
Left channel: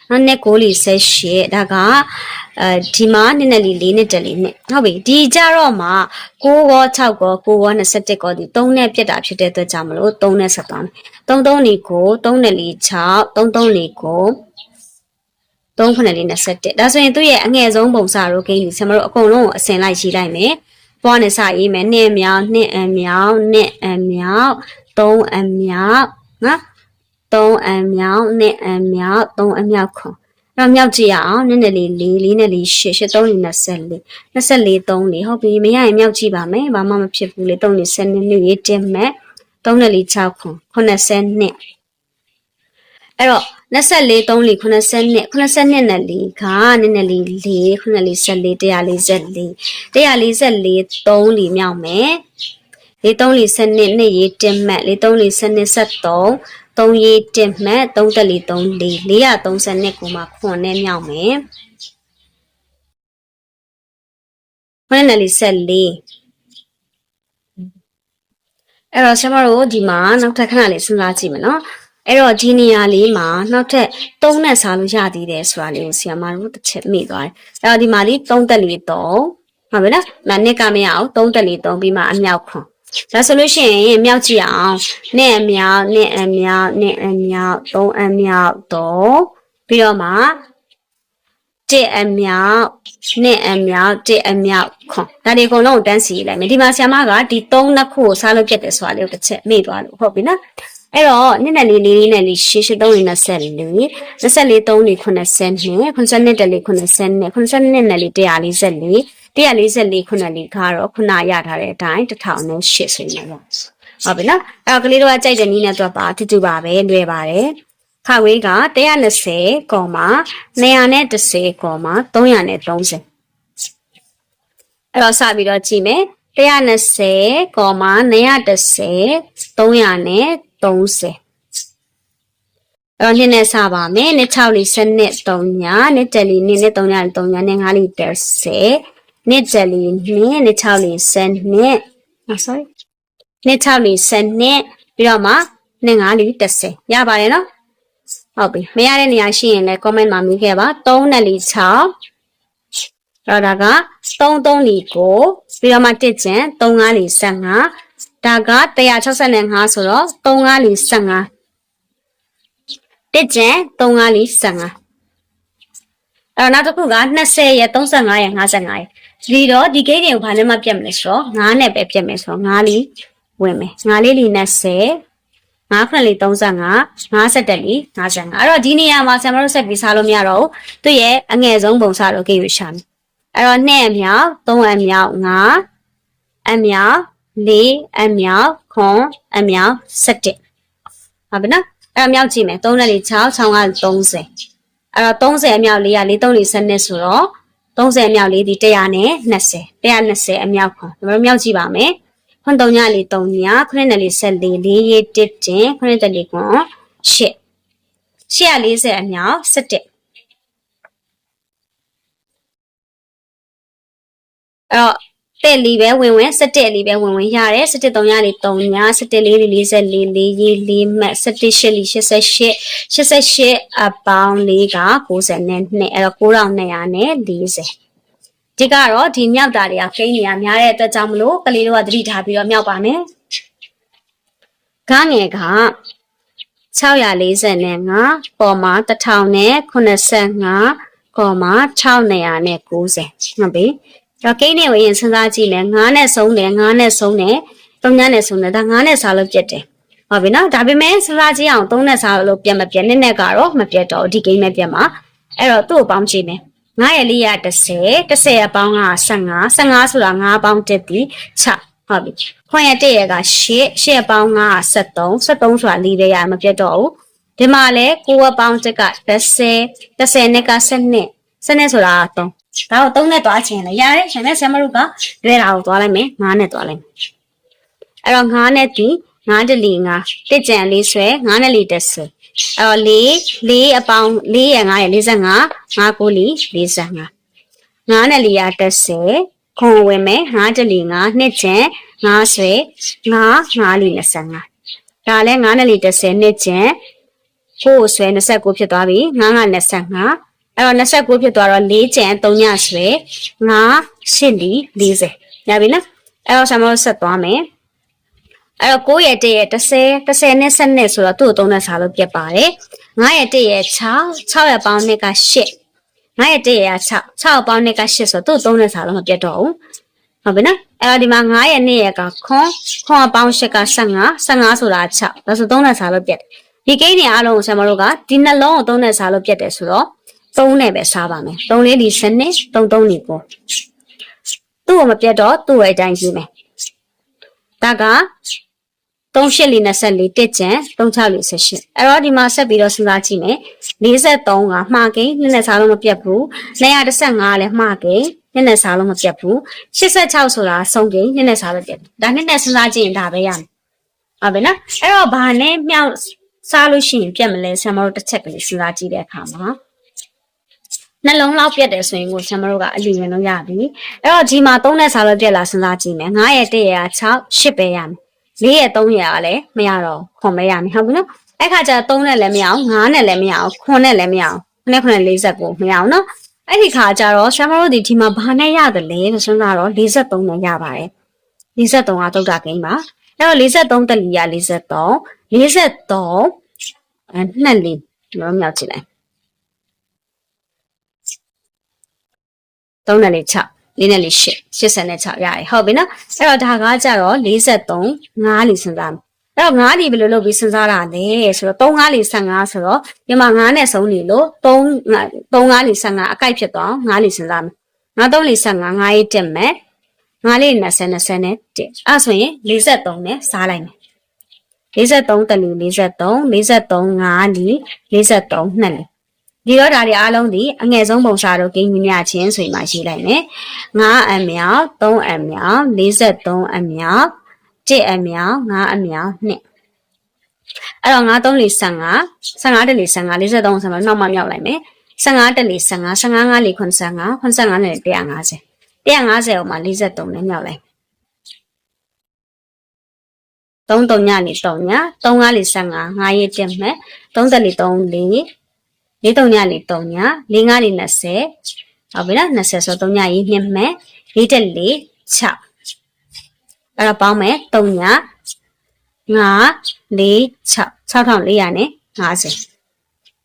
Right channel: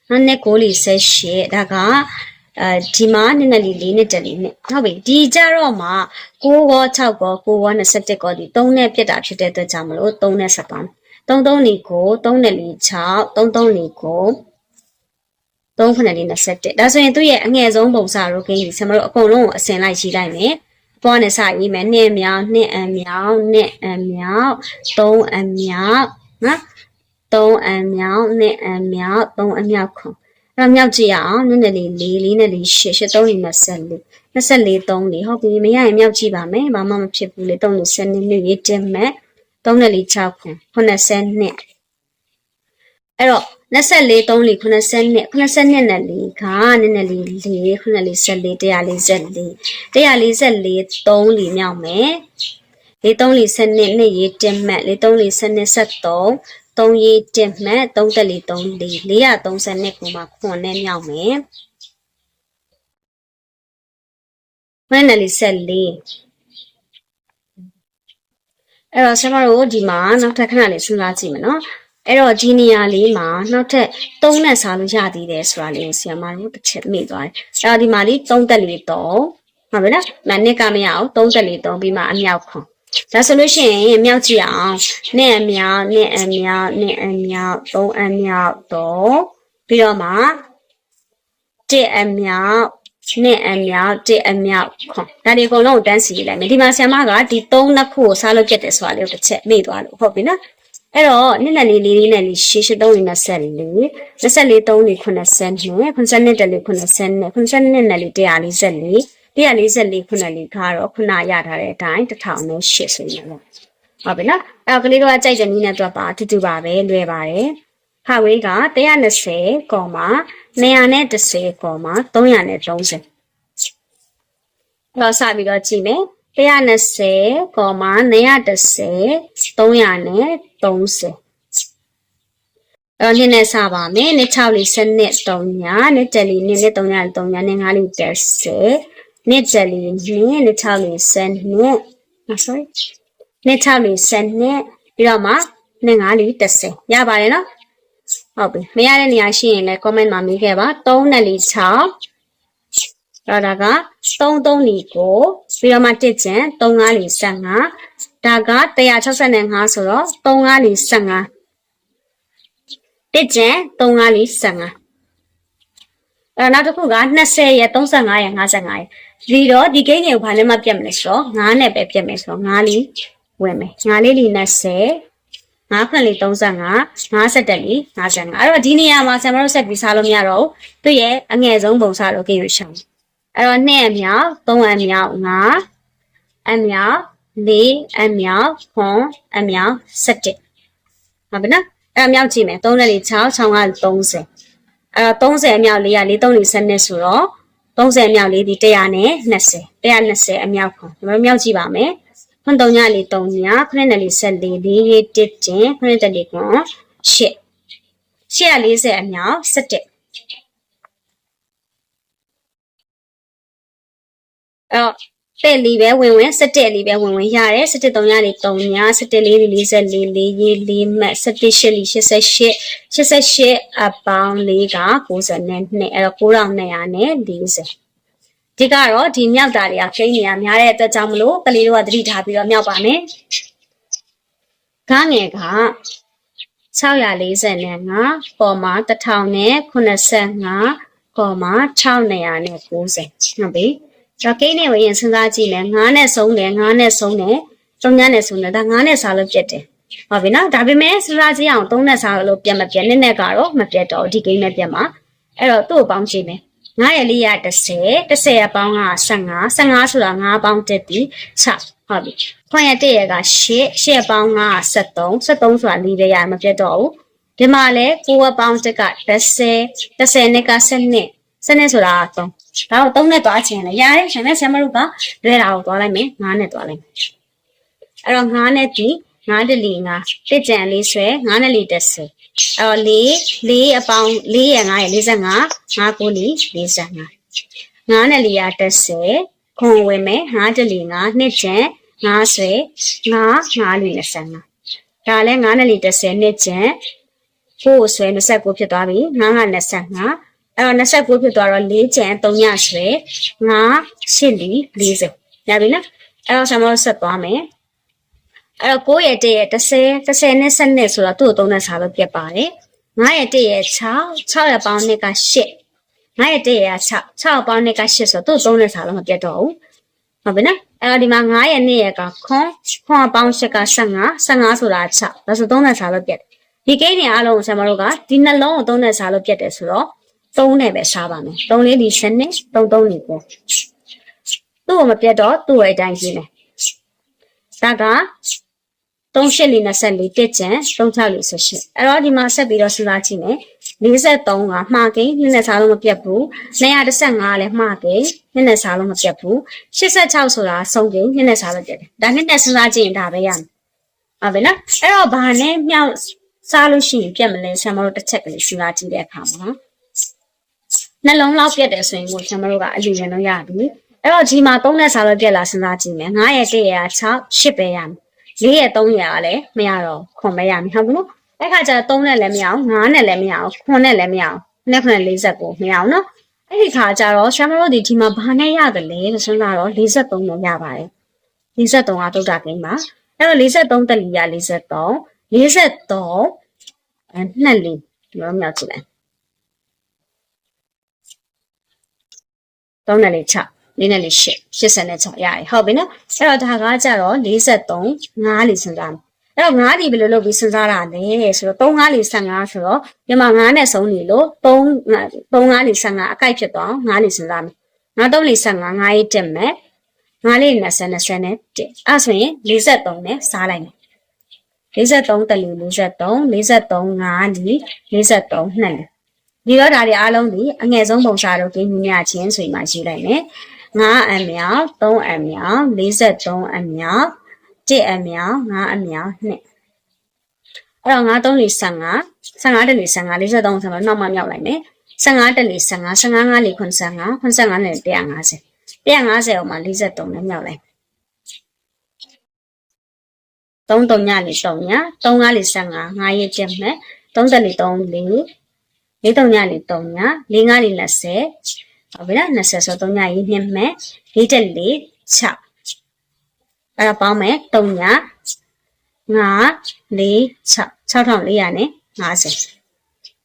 နော်နှစ်9လေး18ဒါကအဲဒီမှာနည်းနည်းလေးလေးနှစ်တက်လေးနှစ်ဟုတ်ပြီဒီကြတော့မှ6ကော6ကော9ကော27ကောဒီ3နဲ့ပြက်တာဖြစ်တဲ့အတွက်ကြောင့်မလို့3နဲ့ဆက်သွားမယ်3 3 4 9 3 4 6 3 3 4 9 3921ဒါဆိုရင်သူ့ရဲ့အငယ်ဆုံးပုံစံရိုးကိန်းကြီးကျွန်တော်တို့အကုန်လုံးကိုအစင်လိုက်ရေးလိုက်မယ်ဘွားနဲ့စရေးမယ်နှစ်အမြောက်နှစ်အမြောက်နှစ်အမြောက်သုံးအမြောက်နော်သုံးအမြောက်နှစ်အမြောက်သုံးအမြောက်ခွန်အဲ့တော့မြောက်ကြည့်ရအောင်နည်းနည်းလေး၄လေးနဲ့လေး၈၈၃လေး24 24 3လေးဟုတ်ပြီမရရင်မြောက်ကြည့်ပါမယ်ဘာမှမဖြစ်ဘူးလေ3လေး7နှစ်မြောက်ရေးတက်မယ်3နဲ့လေး6ခွန်82 အဲ့တော့24 3လေး90နှစ်90နှစ်နဲ့လေးကနည်းနည်းလေး4 9လေး14 144 144 3လေးမြောက်မယ်လေး3လေး7နှစ်နှစ်ရေးတင်မယ်လေး3လေး7နှစ်73 3ရေးတင်မှတ်3တက်လီ3လေး430နှစ်ကိုမှခွန်နဲ့မြောက်မယ်ခွန်နဲ့လီ14အဲ့တော့ဆရာမတို့ဒီမှာနောက်ထပ်ခဏလေးစဉ်းစားကြည့်မယ်နော် အဲ့တော့ဒီနေရာလေးမှာနောက်ထပ်3နဲ့စားလို့ရသေးတယ်ဆိုတာလေးကိုဆရာမတို့တစ်ချက်မိသွားတယ်အဲ့တော့ဒီမှာလေး3တက်လီ3ဟုတ်ပြီလားမနစ်ကမရအောင်3တက်လီ3ပြီးမှအမြောက်ခွန်ဒါဆိုလို့ရှိရင်မြောက်ကြည့်အောင်နဲ့အမြောက်နဲ့အမြောက်နဲ့အမြောက်သုံးအမြောက်တော့ပြီးတော့မှတစ်အမြောက်နှစ်အမြောက်တစ်အမြောက်ခွန်ဒါဒီအကုန်လုံးကိုတန်းစီလိုက်မယ်ဒီမှာဆရာမကဒီ၃နှစ်ခုကိုစားလို့ပြတ်တယ်ဆိုတာလေးကိုတစ်ချက်မေ့သွားလို့ဟုတ်ပြီနော် အဲ့တော့နှစ်နဲ့လေးလေးလေးနဲ့လေးရှင်းရှင်းသုံးလေးနဲ့ဆက်လေး24 3လေး90နဲ့90တက်လေး90နဲ့90နဲ့နဲ့လေး144 144ခုနှစ်လေးကတော့ခုနရထားတဲ့အတိုင်း1008ဆိုရင်ပေါ့ဟုတ်ပြီနော်အဲ့တော့ကလေးတို့ကကြိုက်တဲ့နည်းနဲ့တွက်ပါအတူတူပါပဲလွယ်ပါတယ်ခဝေးက120ကောမှာ210ကောမှာ330အဲ့တော့စပြီးတော့ကြည့်မယ်120ကောမှာ210 330အဲ့တော့နှစ်နဲ့စပါမယ်နှစ်6လီ7နှစ်3ညာနှစ်7လီနှစ်နဲ့3ညာ3ညာနဲ့5လီ30နှစ်ကြလီနှစ်နှစ်6လီ10နှစ်อ่ะ sorry နှစ်6လီ10နှစ်ပြီးတော့မှနှစ်5လီ30ရပါတယ်နော်ဟုတ်ပြီမရတဲ့နေရာရှိရင်လည်း comment မှာမေးခဲ့ပါ3နဲ့လီ6တော့ဒါက3 3လီကိုပြီးတော့မှ1ကျန်3 5လီ15 ဒါက165ဆိုတော့3 5လီ15တစ်ကျန်3 5လီ15အဲ့တော့နောက်တစ်ခုက20ရဲ့35ရဲ့55ရဲ့ဒီတော့ဒီဂိတ်တွေကိုဘာနဲ့မှပြတ်မလဲဆိုတော့9နဲ့ပဲပြတ်မယ်ဆိုတော့9လီဝင်မယ်9လေးလီ20 9ခွင့်လေး35 50တက်လီ55အဲ့တော့ဒီနေရာမှာဆရာမတို့ဆက်ပြီးစားလို့မရတော့ဘူးသူ့ရဲ့အငယ်ဆုံးပုံစားလို့ကိရရှာမယ်အဲ့တော့2အမြောက်3အမြောက်5အမြောက် 4အမြောက်ခွန်အမြောက်17ဟုတ်ပြီနော်အဲ့အမြောက်ကြည့်မယ်3နဲ့လေး6 6က30အဲ့တော့30အမြောက်4က4 3 4 12ဆိုတော့30အမြောက်လေးဒီ100နဲ့20 120အမြောက်ခွန်ကျွန်တော်တို့မြောက်ကြည့်ပါမယ်ခွန်3ညလေး3ညခွနဲ့လေး14 4ရေး1တင်ခွနဲ့တက်လေးခွန်8 840အမြောက်17အဲ့တော့ တဲ့လီပဲဝင်ဝင်17လီပဲဝင်ဝင်ရတယ်17 3ရလေး3ည17လေး44 44လေးရေး4မှတ်17ရှစ်လီ88 88အပေါင်းလေးက90နဲ့2အဲ့တော့9240ဒီကတော့ဒီမြောက်တာတွေကခိန်းနေရများတဲ့အတွက်ကြောင့်မလို့ကလေးတို့ကသတိထားပြီးတော့မြောက်ပါမယ်ခန်းငယ်က645ပေါ်မှာ1000နဲ့85ကောမှာ690နဲ့90ဟု တ်ပြီဒါကိန်းနဲ့ဝင်ရင်စဉ်းစားကြည့်မယ်9နဲ့ဆုံးတယ်9နဲ့ဆုံးတယ်3ညနဲ့ဆုံးတယ်ဒါ9နဲ့စားလို့ပြတ်တယ်ဟုတ်ပြီနော်ဒါပေမဲ့စဉ်းစားကြည့်အောင်3နဲ့စားလို့ပြတ်မပြတ်နဲ့နဲ့ကတော့မပြတ်တော့ဒီကိန်းနဲ့ပြတ်မှာအဲ့တော့သူ့ကိုပေါင်းကြည့်မယ်9ရဲ့လေးရ30 30ရပေါင်းက15 15ဆိုတာ9ပေါင်းတက်သည်6ဟုတ်ပြီခွန်ရတဲ့ရက8 8ပေါင်းက73 73ဆိုတာလေးပဲရမပြတ်တော့ဘူးဒီမှာလဲ9ပေါင်းတက်က30 30နဲ့က7 7နဲ့ဆိုတာ3ဒါတော့3နဲ့တွားချင်တယ်ရတယ်ရှင်နဲ့ဆရာမတို့ကလွယ်တာကိုတွားလိုက်မယ်9နဲ့တွားလိုက်မယ်အဲ့တော့9နဲ့ဒီ9တလီ9တစ်ကြံလေးဆွဲ9နဲ့လီတက်ဆွဲအဲ့တော့4 4အပေါင်း4ရ9ရ45 5ကိုလီ45 9နဲ့လီရတက်ဆွဲခွန်ဝင်မယ်9တလီ9နှစ်ကြံ9ဆွဲ9 5လီ25ဒါလည်း9နဲ့လီတက်ဆွဲနှစ်ကြံကိုဆွဲ29ဖြစ်သွားပြီ9က25 အဲ့တော့29ဖြစ်သွားတော့4ကျန်3ညဆွဲ9 8လီ40ရပြီနော်အဲ့တော့ကျွန်တော်တို့ဆက်သွားမယ်အဲ့တော့9ရဲ့1ရဲ့30 30နဲ့7နဲ့ဆိုတော့သူ့ကို3နဲ့စားလို့ပြတ်ပါတယ်9ရဲ့1ရဲ့6 6ရဲ့ပေါင်း2က8 9ရဲ့1ရဲ့6 6ပေါင်း2က8ဆိုတော့သူ့3နဲ့စားလို့မပြတ်တော့ဘူးဟုတ်ပြီနော်အဲ့တော့ဒီမှာ9ရဲ့2ရဲ့ကခွန်ခွန်ပေါင်း8က15 15ဆိုတာ6ဒါဆို3နဲ့စားလို့ပြတ်တယ်ဒီကိန်းတွေအားလုံးကိုဆရာမတို့ကဒီနှလုံးကို3နဲ့စားလို့ပြတ်တယ်ဆိုတော့ 3နဲ့ပဲစားပါမယ်3လေးဒီစနစ်3 3ဒီကိုသူ့ကိုမပြတ်တော့သူ့ရဲ့အတိုင်းကြီးမယ်ဒါက38လေး24တက်ကျန်36လေး18အဲ့တော့ဒီမှာဆက်ပြီးတော့စဉ်းစားကြည့်မယ်43ကမှားကိန်းနှစ်နဲ့စားလို့မပြတ်ဘူး215လည်းမှားကိန်းနှစ်နဲ့စားလို့မပြတ်ဘူး86ဆိုတာဆုံးကိန်းနှစ်နဲ့စားလို့ပြတ်တယ်ဒါနှစ်နဲ့စဉ်းစားကြည့်ရင်ဒါပဲရမယ်ဟုတ်ပြီနော်အဲ့တော့ဘာနဲ့မြောက်စားလို့ရှိရင်ပြတ်မလဲဆရာမတို့တစ်ချက်ကလေးစဉ်းစားကြည့်တဲ့အခါမှာ နှလုံးလောက်ပြတ်တယ်ဆိုရင်ကိုဆရာမတို့ကအလူရင်လို့ရပြီအဲ့တော့ဒီမှာ3နဲ့စားလို့ပြတ်လာစဉ်းစားကြည့်မယ်9ရဲ့1ရဲ့6 8ပဲရမယ်4ရဲ့3ရဲ့ကလည်းမရတော့ခွန်ပဲရမယ်ဟုတ်ပြီနော်အဲ့ခါကျ3နဲ့လည်းမရအောင်9နဲ့လည်းမရအောင်ခွန်နဲ့လည်းမရအောင်9နဲ့49မရအောင်နော်အဲ့ဒီခါကျတော့ဆရာမတို့ဒီဒီမှာဘာနဲ့ရတယ်လဲဆိုစဉ်းစားတော့43နဲ့ရပါတယ်43ကတုတ်တာကိန်းပါအဲ့တော့43တလီရ43 43အဲနှစ်လေးဒီလိုမြောက်ကြည့်လိုက် 3နဲ့လေး6 4နဲ့လေး8 86ရရဟုတ်ပြီနော်အဲ့တော့ဒါကကြတော့43 5လေးစဉ်းစားမယ်အဲ့တော့9လီဘယ်လိုလုပ်ပြီးစဉ်းစားတာလဲဆိုတော့3 5လီ15ဆိုတော့ဒီမှာ9နဲ့ဆုံးနေလို့3 3 5လီ15အကိုက်ဖြစ်သွား9လီစဉ်းစားမယ်9 3လီ15 9ရေးတက်မယ်9လေး20 20နဲ့တက်အဲ့ဆိုရင်43နဲ့စားလိုက်မယ်43တလူ43 43 5လီ43နှစ်လီ ဒီတော့ဒါတွေအားလုံးဒီအငယ်ဆုံးပုံစံတို့ကိန်းမြများချင်းဆိုရင်မှရေးလိုက်မယ်9အမြောက်3အမြောက်43အမြောက်1အမြောက်9အမြောက်2အဲ့တော့9 3လေး15 15တလေး15 43ဆိုတော့နောက်မှမြောက်လိုက်မယ်15တလေး15 15 5လေး85 85နဲ့150 150အောင်မှ43နဲ့မြောက်လိုက်3 3ညနေ3ည3 5လေး15 5ရက်တက်မဲ့3တက် လေး3လေးလေး3ညလေး3ညလေး5လေး20ဟုတ်ပြီလား20ဆို3ညရေးနှစ်မဲ့လေးတက်လေး6အဲ့တော့ပေါင်းမယ်3ည5 4 6 6400နဲ့50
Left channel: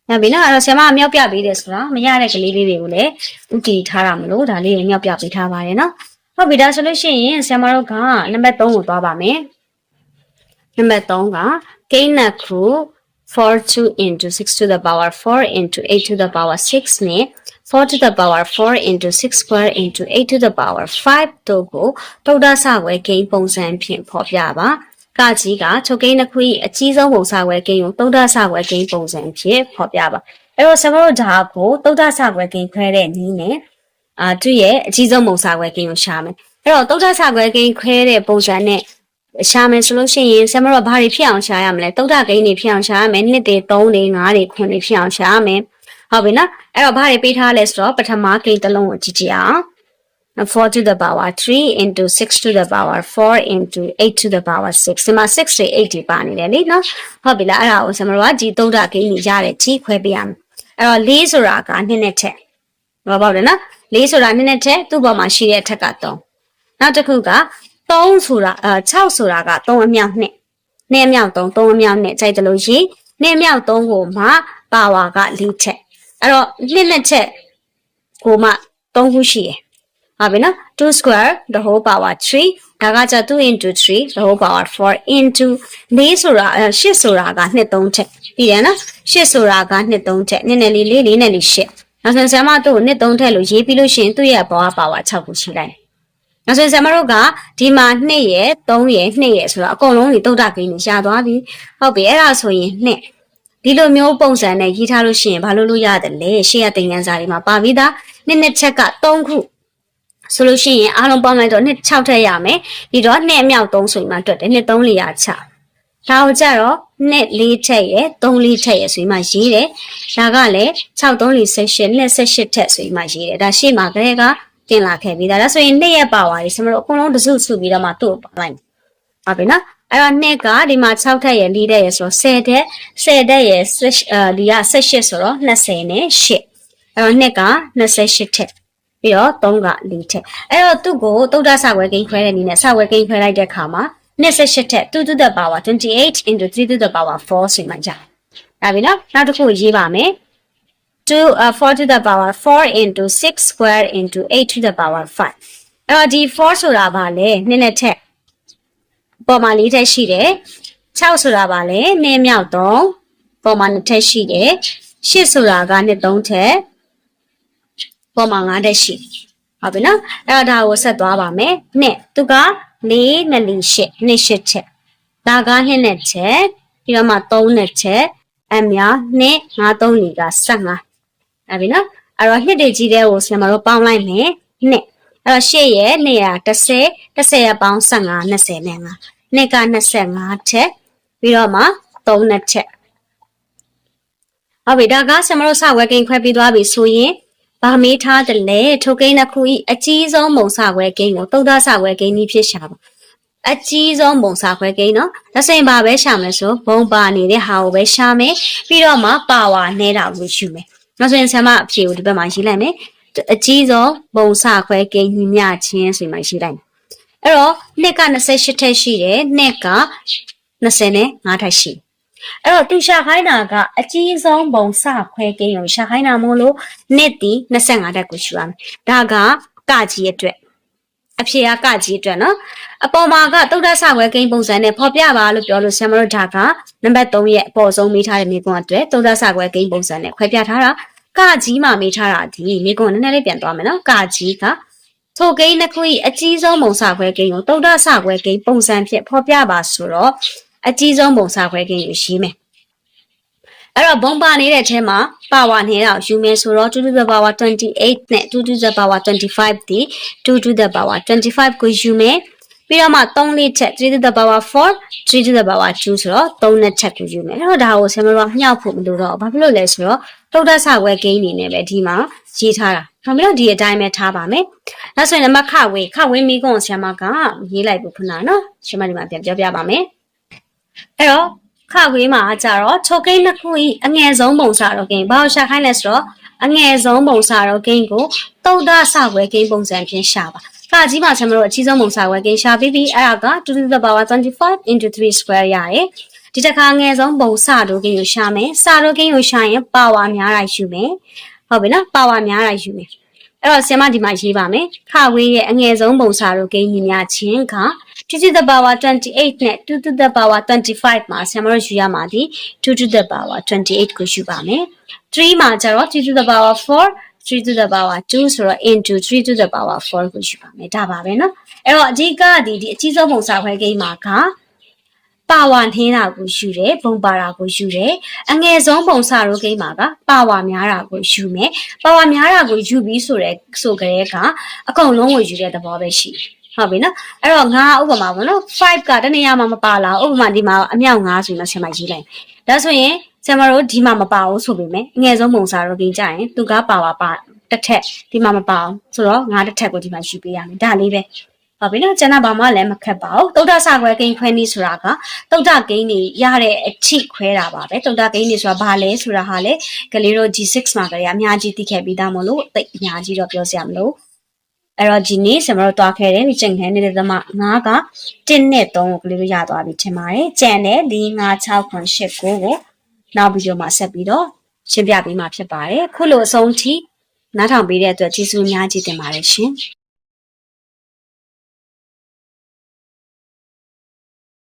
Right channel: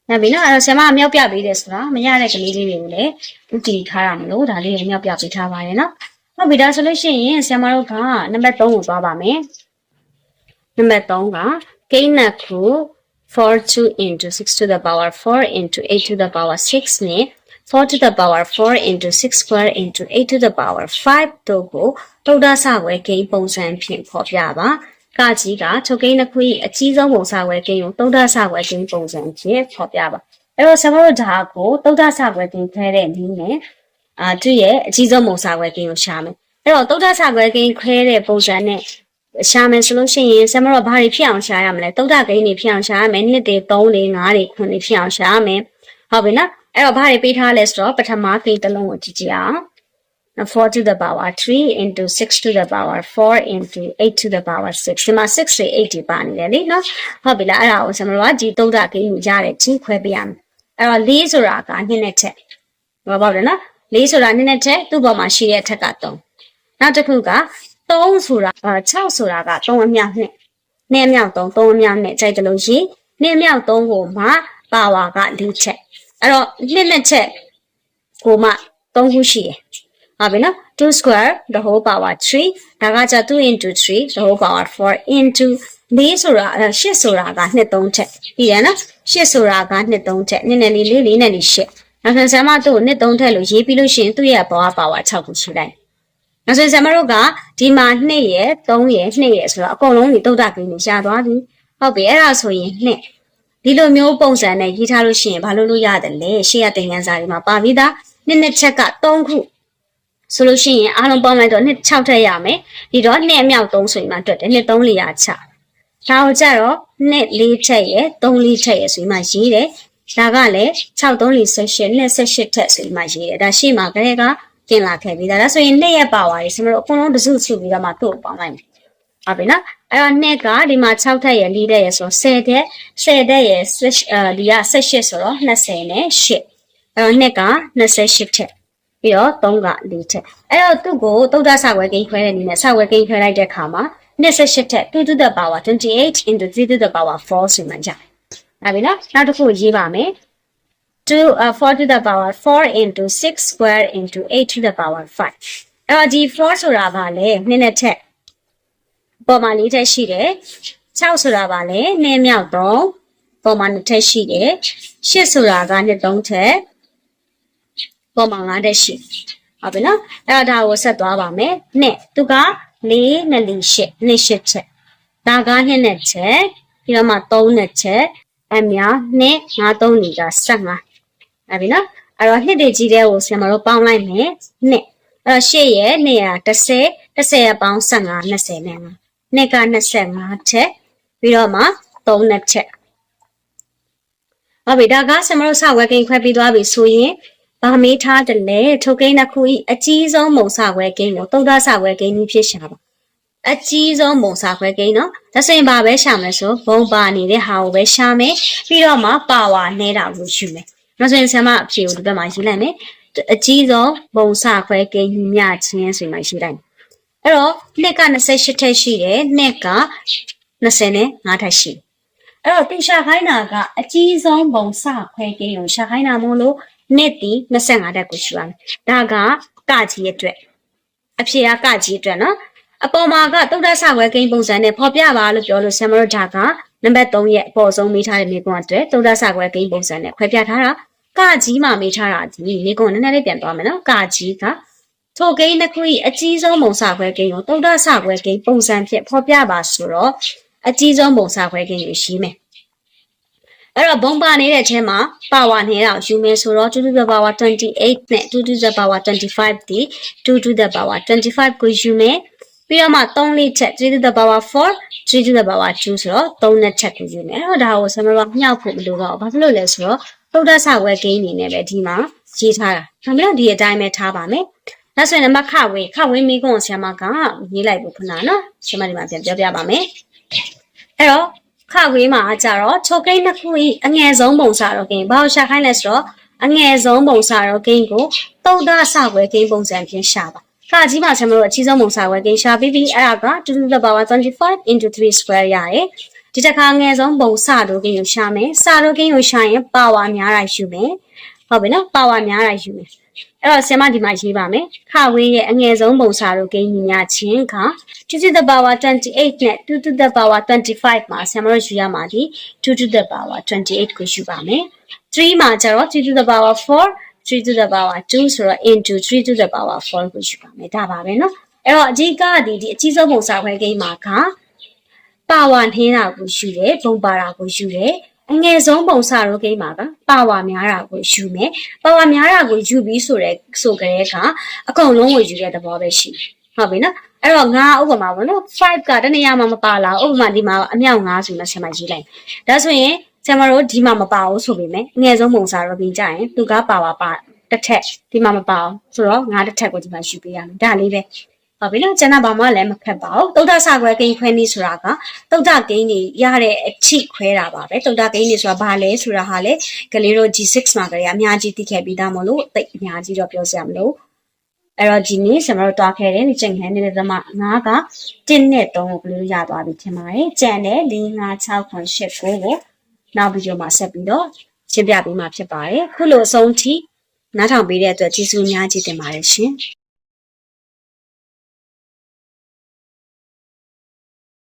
ရပြီနော်အဲ့တော့ဆရာမမြောက်ပြပေးတယ်ဆိုတော့မရတဲ့ကလေးလေးတွေကိုလည်းဥတီထားရမလို့ဒါလေးကိုမြောက်ပြပေးထားပါတယ်နော်ဟုတ်ပြီဒါဆိုလို့ရှိရင်ဆရာမတို့ကနံပါတ်3ကိုသွားပါမယ်နံပါတ်3ကကိန်းနက်ခု 42 into 6 to the power 4 into 8 to the power 6 နဲ့ 4 to the power 4 into 6 square into 8 to the power 5တို့ကိုတုတ်တဆဝဲကိန်းပုံစံဖြင့်ဖော်ပြပါကကြီးကချုပ်ကိန်းတစ်ခု၏အကြီးဆုံးပုံစံဝဲကိန်းကိုတုတ်တဆဝဲကိန်းပုံစံဖြင့်ဖော်ပြပါအဲ့တော့ဆရာတို့ဒါကိုတုတ်တဆဝဲကိန်းခွဲတဲ့နည်းနဲ့အာသူ့ရဲ့အကြီးဆုံးပုံစံဝဲကိန်းကိုရှာမယ်အဲ့တော့တုတ်တဆဝဲကိန်းခွဲတဲ့ပုံစံနဲ့ ရှာမယ်ဆိုလို့ရှိရင်ဆရာမတို့ဘာတွေဖြစ်အောင်ရှာရမလဲတုတ်တကိန်းတွေဖြစ်အောင်ရှာရမယ်နှစ်တွေ3တွေ5တွေ9တွေဖြစ်အောင်ရှာရမယ်ဟုတ်ပြီနော်အဲ့တော့ဘာတွေပေးထားလဲဆိုတော့ပထမကိန်းတစ်လုံးကိုကြည့်ကြည့်အောင်4 to the power 3 into 6 to the power 4 into 8 to the power 6ဒီမှာ6တွေ8တွေပါနေတယ်လေနော်ဟုတ်ပြီလားအဲ့ဒါကိုဆရာမတို့ကဒီတုတ်တကိန်းကြီးရတယ်ကြီးခွဲပေးရမယ်အဲ့တော့4ဆိုတာကနှစ်နဲ့ထက်ဟောပေါ့တယ်နော်4ဆိုတာနှစ်နဲ့ထက်သူ့ပေါ်မှာရှိတဲ့အထက်က3နောက်တစ်ခုက 3ဆိုတာအဲ6ဆိုတာက3အမြောက်2နှစ်အမြောက်3 3အမြောက်2ကြိုက်တယ်လို့ရှိနှစ်အမြောက်3ကိုမှပါဝါက4ချက်အဲ့တော့နှစ်နှစ်ချက်ကိုမှ3ခုရှိတယ်ဟုတ်ပြီနော်2 square the whole power 3ဒါကကြ2 into 3 the whole power 4 into 4ဆိုတာ8ဆိုတာကနှစ်3ချက်ပြီးရနော်8ဆိုတာကနှစ်3ချက်နှစ်နဲ့လေးလေးလေးနဲ့လေး8နောက်ဆိုဆရာမတို့နှစ်3ထက်လို့ရေးပြီးလို့ရှိရင်သူ့ရဲ့ power power 6ခုရှိလိုက် နောက်ဆိုဆရာမတို့ကဒီမှာ2ရယ်3ရယ်2ရယ်ဆိုတော့အကုန်လုံးဒီတုတ်တကိန်းကိုရှာသွားပြီဟုတ်ပြီအဲ့ဒါဆိုရင်2ဒီလိုမျိုးပုံစံနဲ့ရေးထားလို့ရှိရင်ဘာလို့လို့ရတယ်လဲရှေ့ရတင်ငန်းစာတွေမှာပါပြီးသားနှစ်နှစ်ချက်က3ခုဆိုလို့ရှိရင်အားလုံးပေါင်းလိုက်တော့နှစ်6ထက်ရမယ်ဒီတော့နှစ်အမြောက်3ဆိုရင်မှတွက်တယ်နှစ်3လီယာ6ဒါကိုကြတော့နှစ်4ထက်ရယ်3 4ထက်ရယ်ဆိုရင်မှရေးတယ်ဒါကလည်း6 3 4 18နှစ်18ထက်ဆိုရင်မှရေးတယ်ဒါရှေ့မှာကလေးက တင်လာခဲ့ပြီးသားဒါဆိုရင်နှစ်ရက်ပါသွားပြီဆမတို့အကုန်လုံးတစုစုပြီးတော့မှသူ့ကိုပေါင်းလိုက်မယ်ဟုတ်ပြီနော်အဲ့တော့နှစ်ကဒီမှာ6ထက်ရယ်4ထက်ရယ်ဆိုတော့10ထက်10ထက်ရယ်အဲဒီက18ဆိုတော့20နဲ့8အဲ့တော့နှစ်က28ထက်ပြီးတော့3က4ထက်အဲ့တော့သူ့ကိုတုတ်တဆဝဲကိန်းခွဲတဲ့အနေနဲ့ဆဝဲကိန်းခွဲလိုက်တဲ့အခါမှာ28ထက်2 to the power 28 into 3 to the power 4ဆိုမှကြာဒါပြီနော်နောက်တစ်ခုရေးပါမယ် 2 uh, 4 to the power 4 into 6 square into 8 to the power 5အဲ့တော့ဒီ4ဆိုတာဗာလဲနှစ်နဲ့ထက်ပေါ်မှာလေးထက်ရှိတယ်6ဆိုတာဗာလဲနှစ်မြောက်3ပေါ်မှာနှစ်ထက်ရှိတယ်8ဆိုတာကနှစ်3ထက်ပေါ်မှာ9ထက်ရှိဟုတ်ပြီနော်အဲ့တော့ဒါကိုဆက်သွားပါမယ်နှစ်သူက4နဲ့4 8နှစ်8ချက်ဒါကနှစ်နဲ့ချက်ပြီးတော့မှ3နဲ့ချက်အများနှစ်5 3နေက15 အဲ့ပြီနော်အဲ့တော့နှစ်တွေကြီးတဲ့ကိုဆရာမတို့ပေါင်းလိုက်မယ်နှစ်အဲ့တော့8ရဲ့2ရ30 30ရပေါင်း15 20နဲ့5နှစ်က25ချက်ပြီးတော့မှ3နဲ့ချက်ဟုတ်ပြီဒါကဆရာမတို့စဝဲကိန်းခွဲပြီးသွားပြီဆိုရင်ဗာမေးထားတယ်လေထိုကိန်းတစ်ခုဤအကြီးဆုံးမုံစဝဲကိန်းကိုတုတ်တဆဝဲကိန်းนี้ဖြစ်ရှာပါအကြီးဆုံးမုံစာခွဲကိန်းနော်ဒါဆိုရင်ဘာပဲရှာမလဲဆိုဘုံပါနေတဲ့ဟာကိုပဲရှာမယ်ပြီးတော့မှပါဝါနေတာကိုယူမယ် နောက်ဆိုရင်ဆရာမအဖြေကိုဒီဘက်မှာရေးလိုက်မယ်အကြီးဆုံးဘုံစာခွဲကိန်းညီမျှချင်းဆိုရင်မှရေးလိုက်မယ်အဲ့တော့နှစ်က28ထက်ရှိတယ်နှစ်က25ထက်ရှိတယ်အဲ့တော့သူရှာခိုင်းတာကအကြီးဆုံးဘုံစခွဲကိန်းကိုရှာခိုင်းတာမို့လို့နှစ်တီ25တက်ကိုရှိရမယ်ဒါကကကြီးအတွက်အဖြေကကကြီးအတွက်နော် အပေါ်မှာကတုတ်တဆခွဲကိန်းပုံစံနဲ့ဖော်ပြပါလို့ပြောလို့ဆမ်မတို့ဒါကနံပါတ်3ရဲ့အပေါ်ဆုံးမိထားတဲ့မြေကွန်းအတွက်တုတ်တဆခွဲကိန်းပုံစံနဲ့ခွဲပြထားတာကကြီးမှမိထားတာဒီမြေကွန်းနည်းနည်းလေးပြန်သွားမယ်နော်ကကြီးကထိုကိန်းတစ်ခု၏အကြီးဆုံးပုံစခွဲကိန်းကိုတုတ်တဆခွဲကိန်းပုံစံဖြင့်ဖော်ပြပါဆိုတော့အကြီးဆုံးပုံစခွဲကိန်းကိုရှိမယ်အဲ့တော့ဘုံပါနေတဲ့အထဲမှာ power နဲ့တော့ယူမယ်ဆိုတော့2 to the power 28နဲ့2 to the power 25ဒီ2 to the power 25ကိုယူမယ် ပြီးတော့မှ3လေးချက်3 to the power 4 3 to the power 2ဆိုတော့3နဲ့ချက်ကိုယူမယ်အဲ့တော့ဒါကိုဆင်မတော့မြောက်ဖို့မလိုတော့ဘာဖြစ်လို့လဲဆိုတော့တုတ်တဆဝဲကိန်းအနေနဲ့ပဲဒီမှာရေးထားတာဒါမျိုးဒီအတိုင်းပဲထားပါမယ်ဒါဆိုရင်နံပါတ်ခဝေးခဝေးမိကုန်းဆရာမကရေးလိုက်ဖို့ခဏနော်ဆရာမဒီမှာပြန်ပြောပြပါမယ်အဲ့တော့ခဝေးမှာကြတော့ချုပ်ကိန်းတစ်ခုဤအငယ်ဆုံးပုံစံတော့ကိန်းဘာလို့ရှာခိုင်းလဲဆိုတော့အငယ်ဆုံးပုံစံတော့ကိန်းကိုတုတ်တဆဝဲကိန်းပုံစံဖြင့်ရှာပါ ခါကြီးမှာကျွန်တော်တို့အကြီးဆုံးပုံစံဝဲကိန်းရှာပြီးပြီးအဲ့ဒါက2 to the power 25 into 3 square ရတယ်ဒီတစ်ခါငယ်ဆုံးပုံစတို့ကိန်းကိုရှာမယ်စတို့ကိန်းကိုရှာရင်ပါဝါများတာယူမယ်ဟုတ်ပြီနော်ပါဝါများတာယူမယ်အဲ့တော့ဆရာမဒီမှာရေးပါမယ်ခဝေးရဲ့အငယ်ဆုံးပုံစတို့ကိန်းကြီးများချင်းက2 to the power 28နဲ့2 to the power 25မှာဆရာမတို့ယူရမှာဒီ2 to the power 28ကိုယူပါမယ်3မှာကျတော့2 to the power 4 3 to the power 2ဆိုတော့ into 3 to the power 4ကိုယူပါမယ်ဒါပါပဲเนาะအဲ့တော့အဓိကဒီဒီအကြီးဆုံးပုံစံခွဲကိန်းမှာကပါဝါနှင်းတာကိုယူတယ်ဘုံပါတာကိုယူတယ်အငယ်ဆုံးပုံစံရိုးကိန်းမှာကပါဝါများတာကိုယူမယ်ပါဝါများတာကိုယူပြီးဆိုတဲ့ဆိုကြတဲ့ကအကုန်လုံးကိုယူတဲ့သဘောပဲရှိတယ်ဟုတ်ပြီနော်အဲ့တော့ငါဥပမာပေါ့နော်5ကတနေရာမှာမပါလာဥပမာဒီမှာအမြောက်9ဆိုရင်ဆင်မရေးလိုက်ဒါဆိုရင် ဆင်မတို့ဒီမှာမပါဘူးဆိုပေမဲ့အငယ်ဆုံးပုံစံရိုးကိန်းကြရင်သူကပါဝါပါတစ်ထက်ဒီမှာမပါအောင်ဆိုတော့ငါတစ်ထက်ကိုဒီမှာယူပေးရမယ်ဒါလေးပဲဟုတ်ပြီနော်ကျွန်တော်ဘာမှလည်းမခက်ပါဘူးတုတ်တဆခွဲကိန်းခွဲနည်းဆိုတာကတုတ်တကိန်းတွေရတဲ့အချိခွဲတာပါပဲတုတ်တကိန်းတွေဆိုတာဘာလဲဆိုတာဟာလေကလေးတို့ G6 မှာကြရအများကြီးသိခဲ့ပြီးသားမလို့တိတ်အများကြီးတော့ပြောစရာမလိုအဲ့တော့ဒီနေ့ဆရာမတို့တွားခဲ့တယ်ဒီချိန်ခဲနေတဲ့သမငါးက1နဲ့3ကိုကလေးတို့ရသွားပြီထင်ပါတယ်ကြံတယ်4 5 6 9 8 9ကို နောက်ဗီဒီယိုမှာဆက်ပြီးတော့ရှင်းပြပေးမှာဖြစ်ပါတယ်ခုလိုအဆုံးထိနားထောင်ပေးတဲ့အတွက်ကျေးဇူးအများကြီးတင်ပါတယ်ရှင်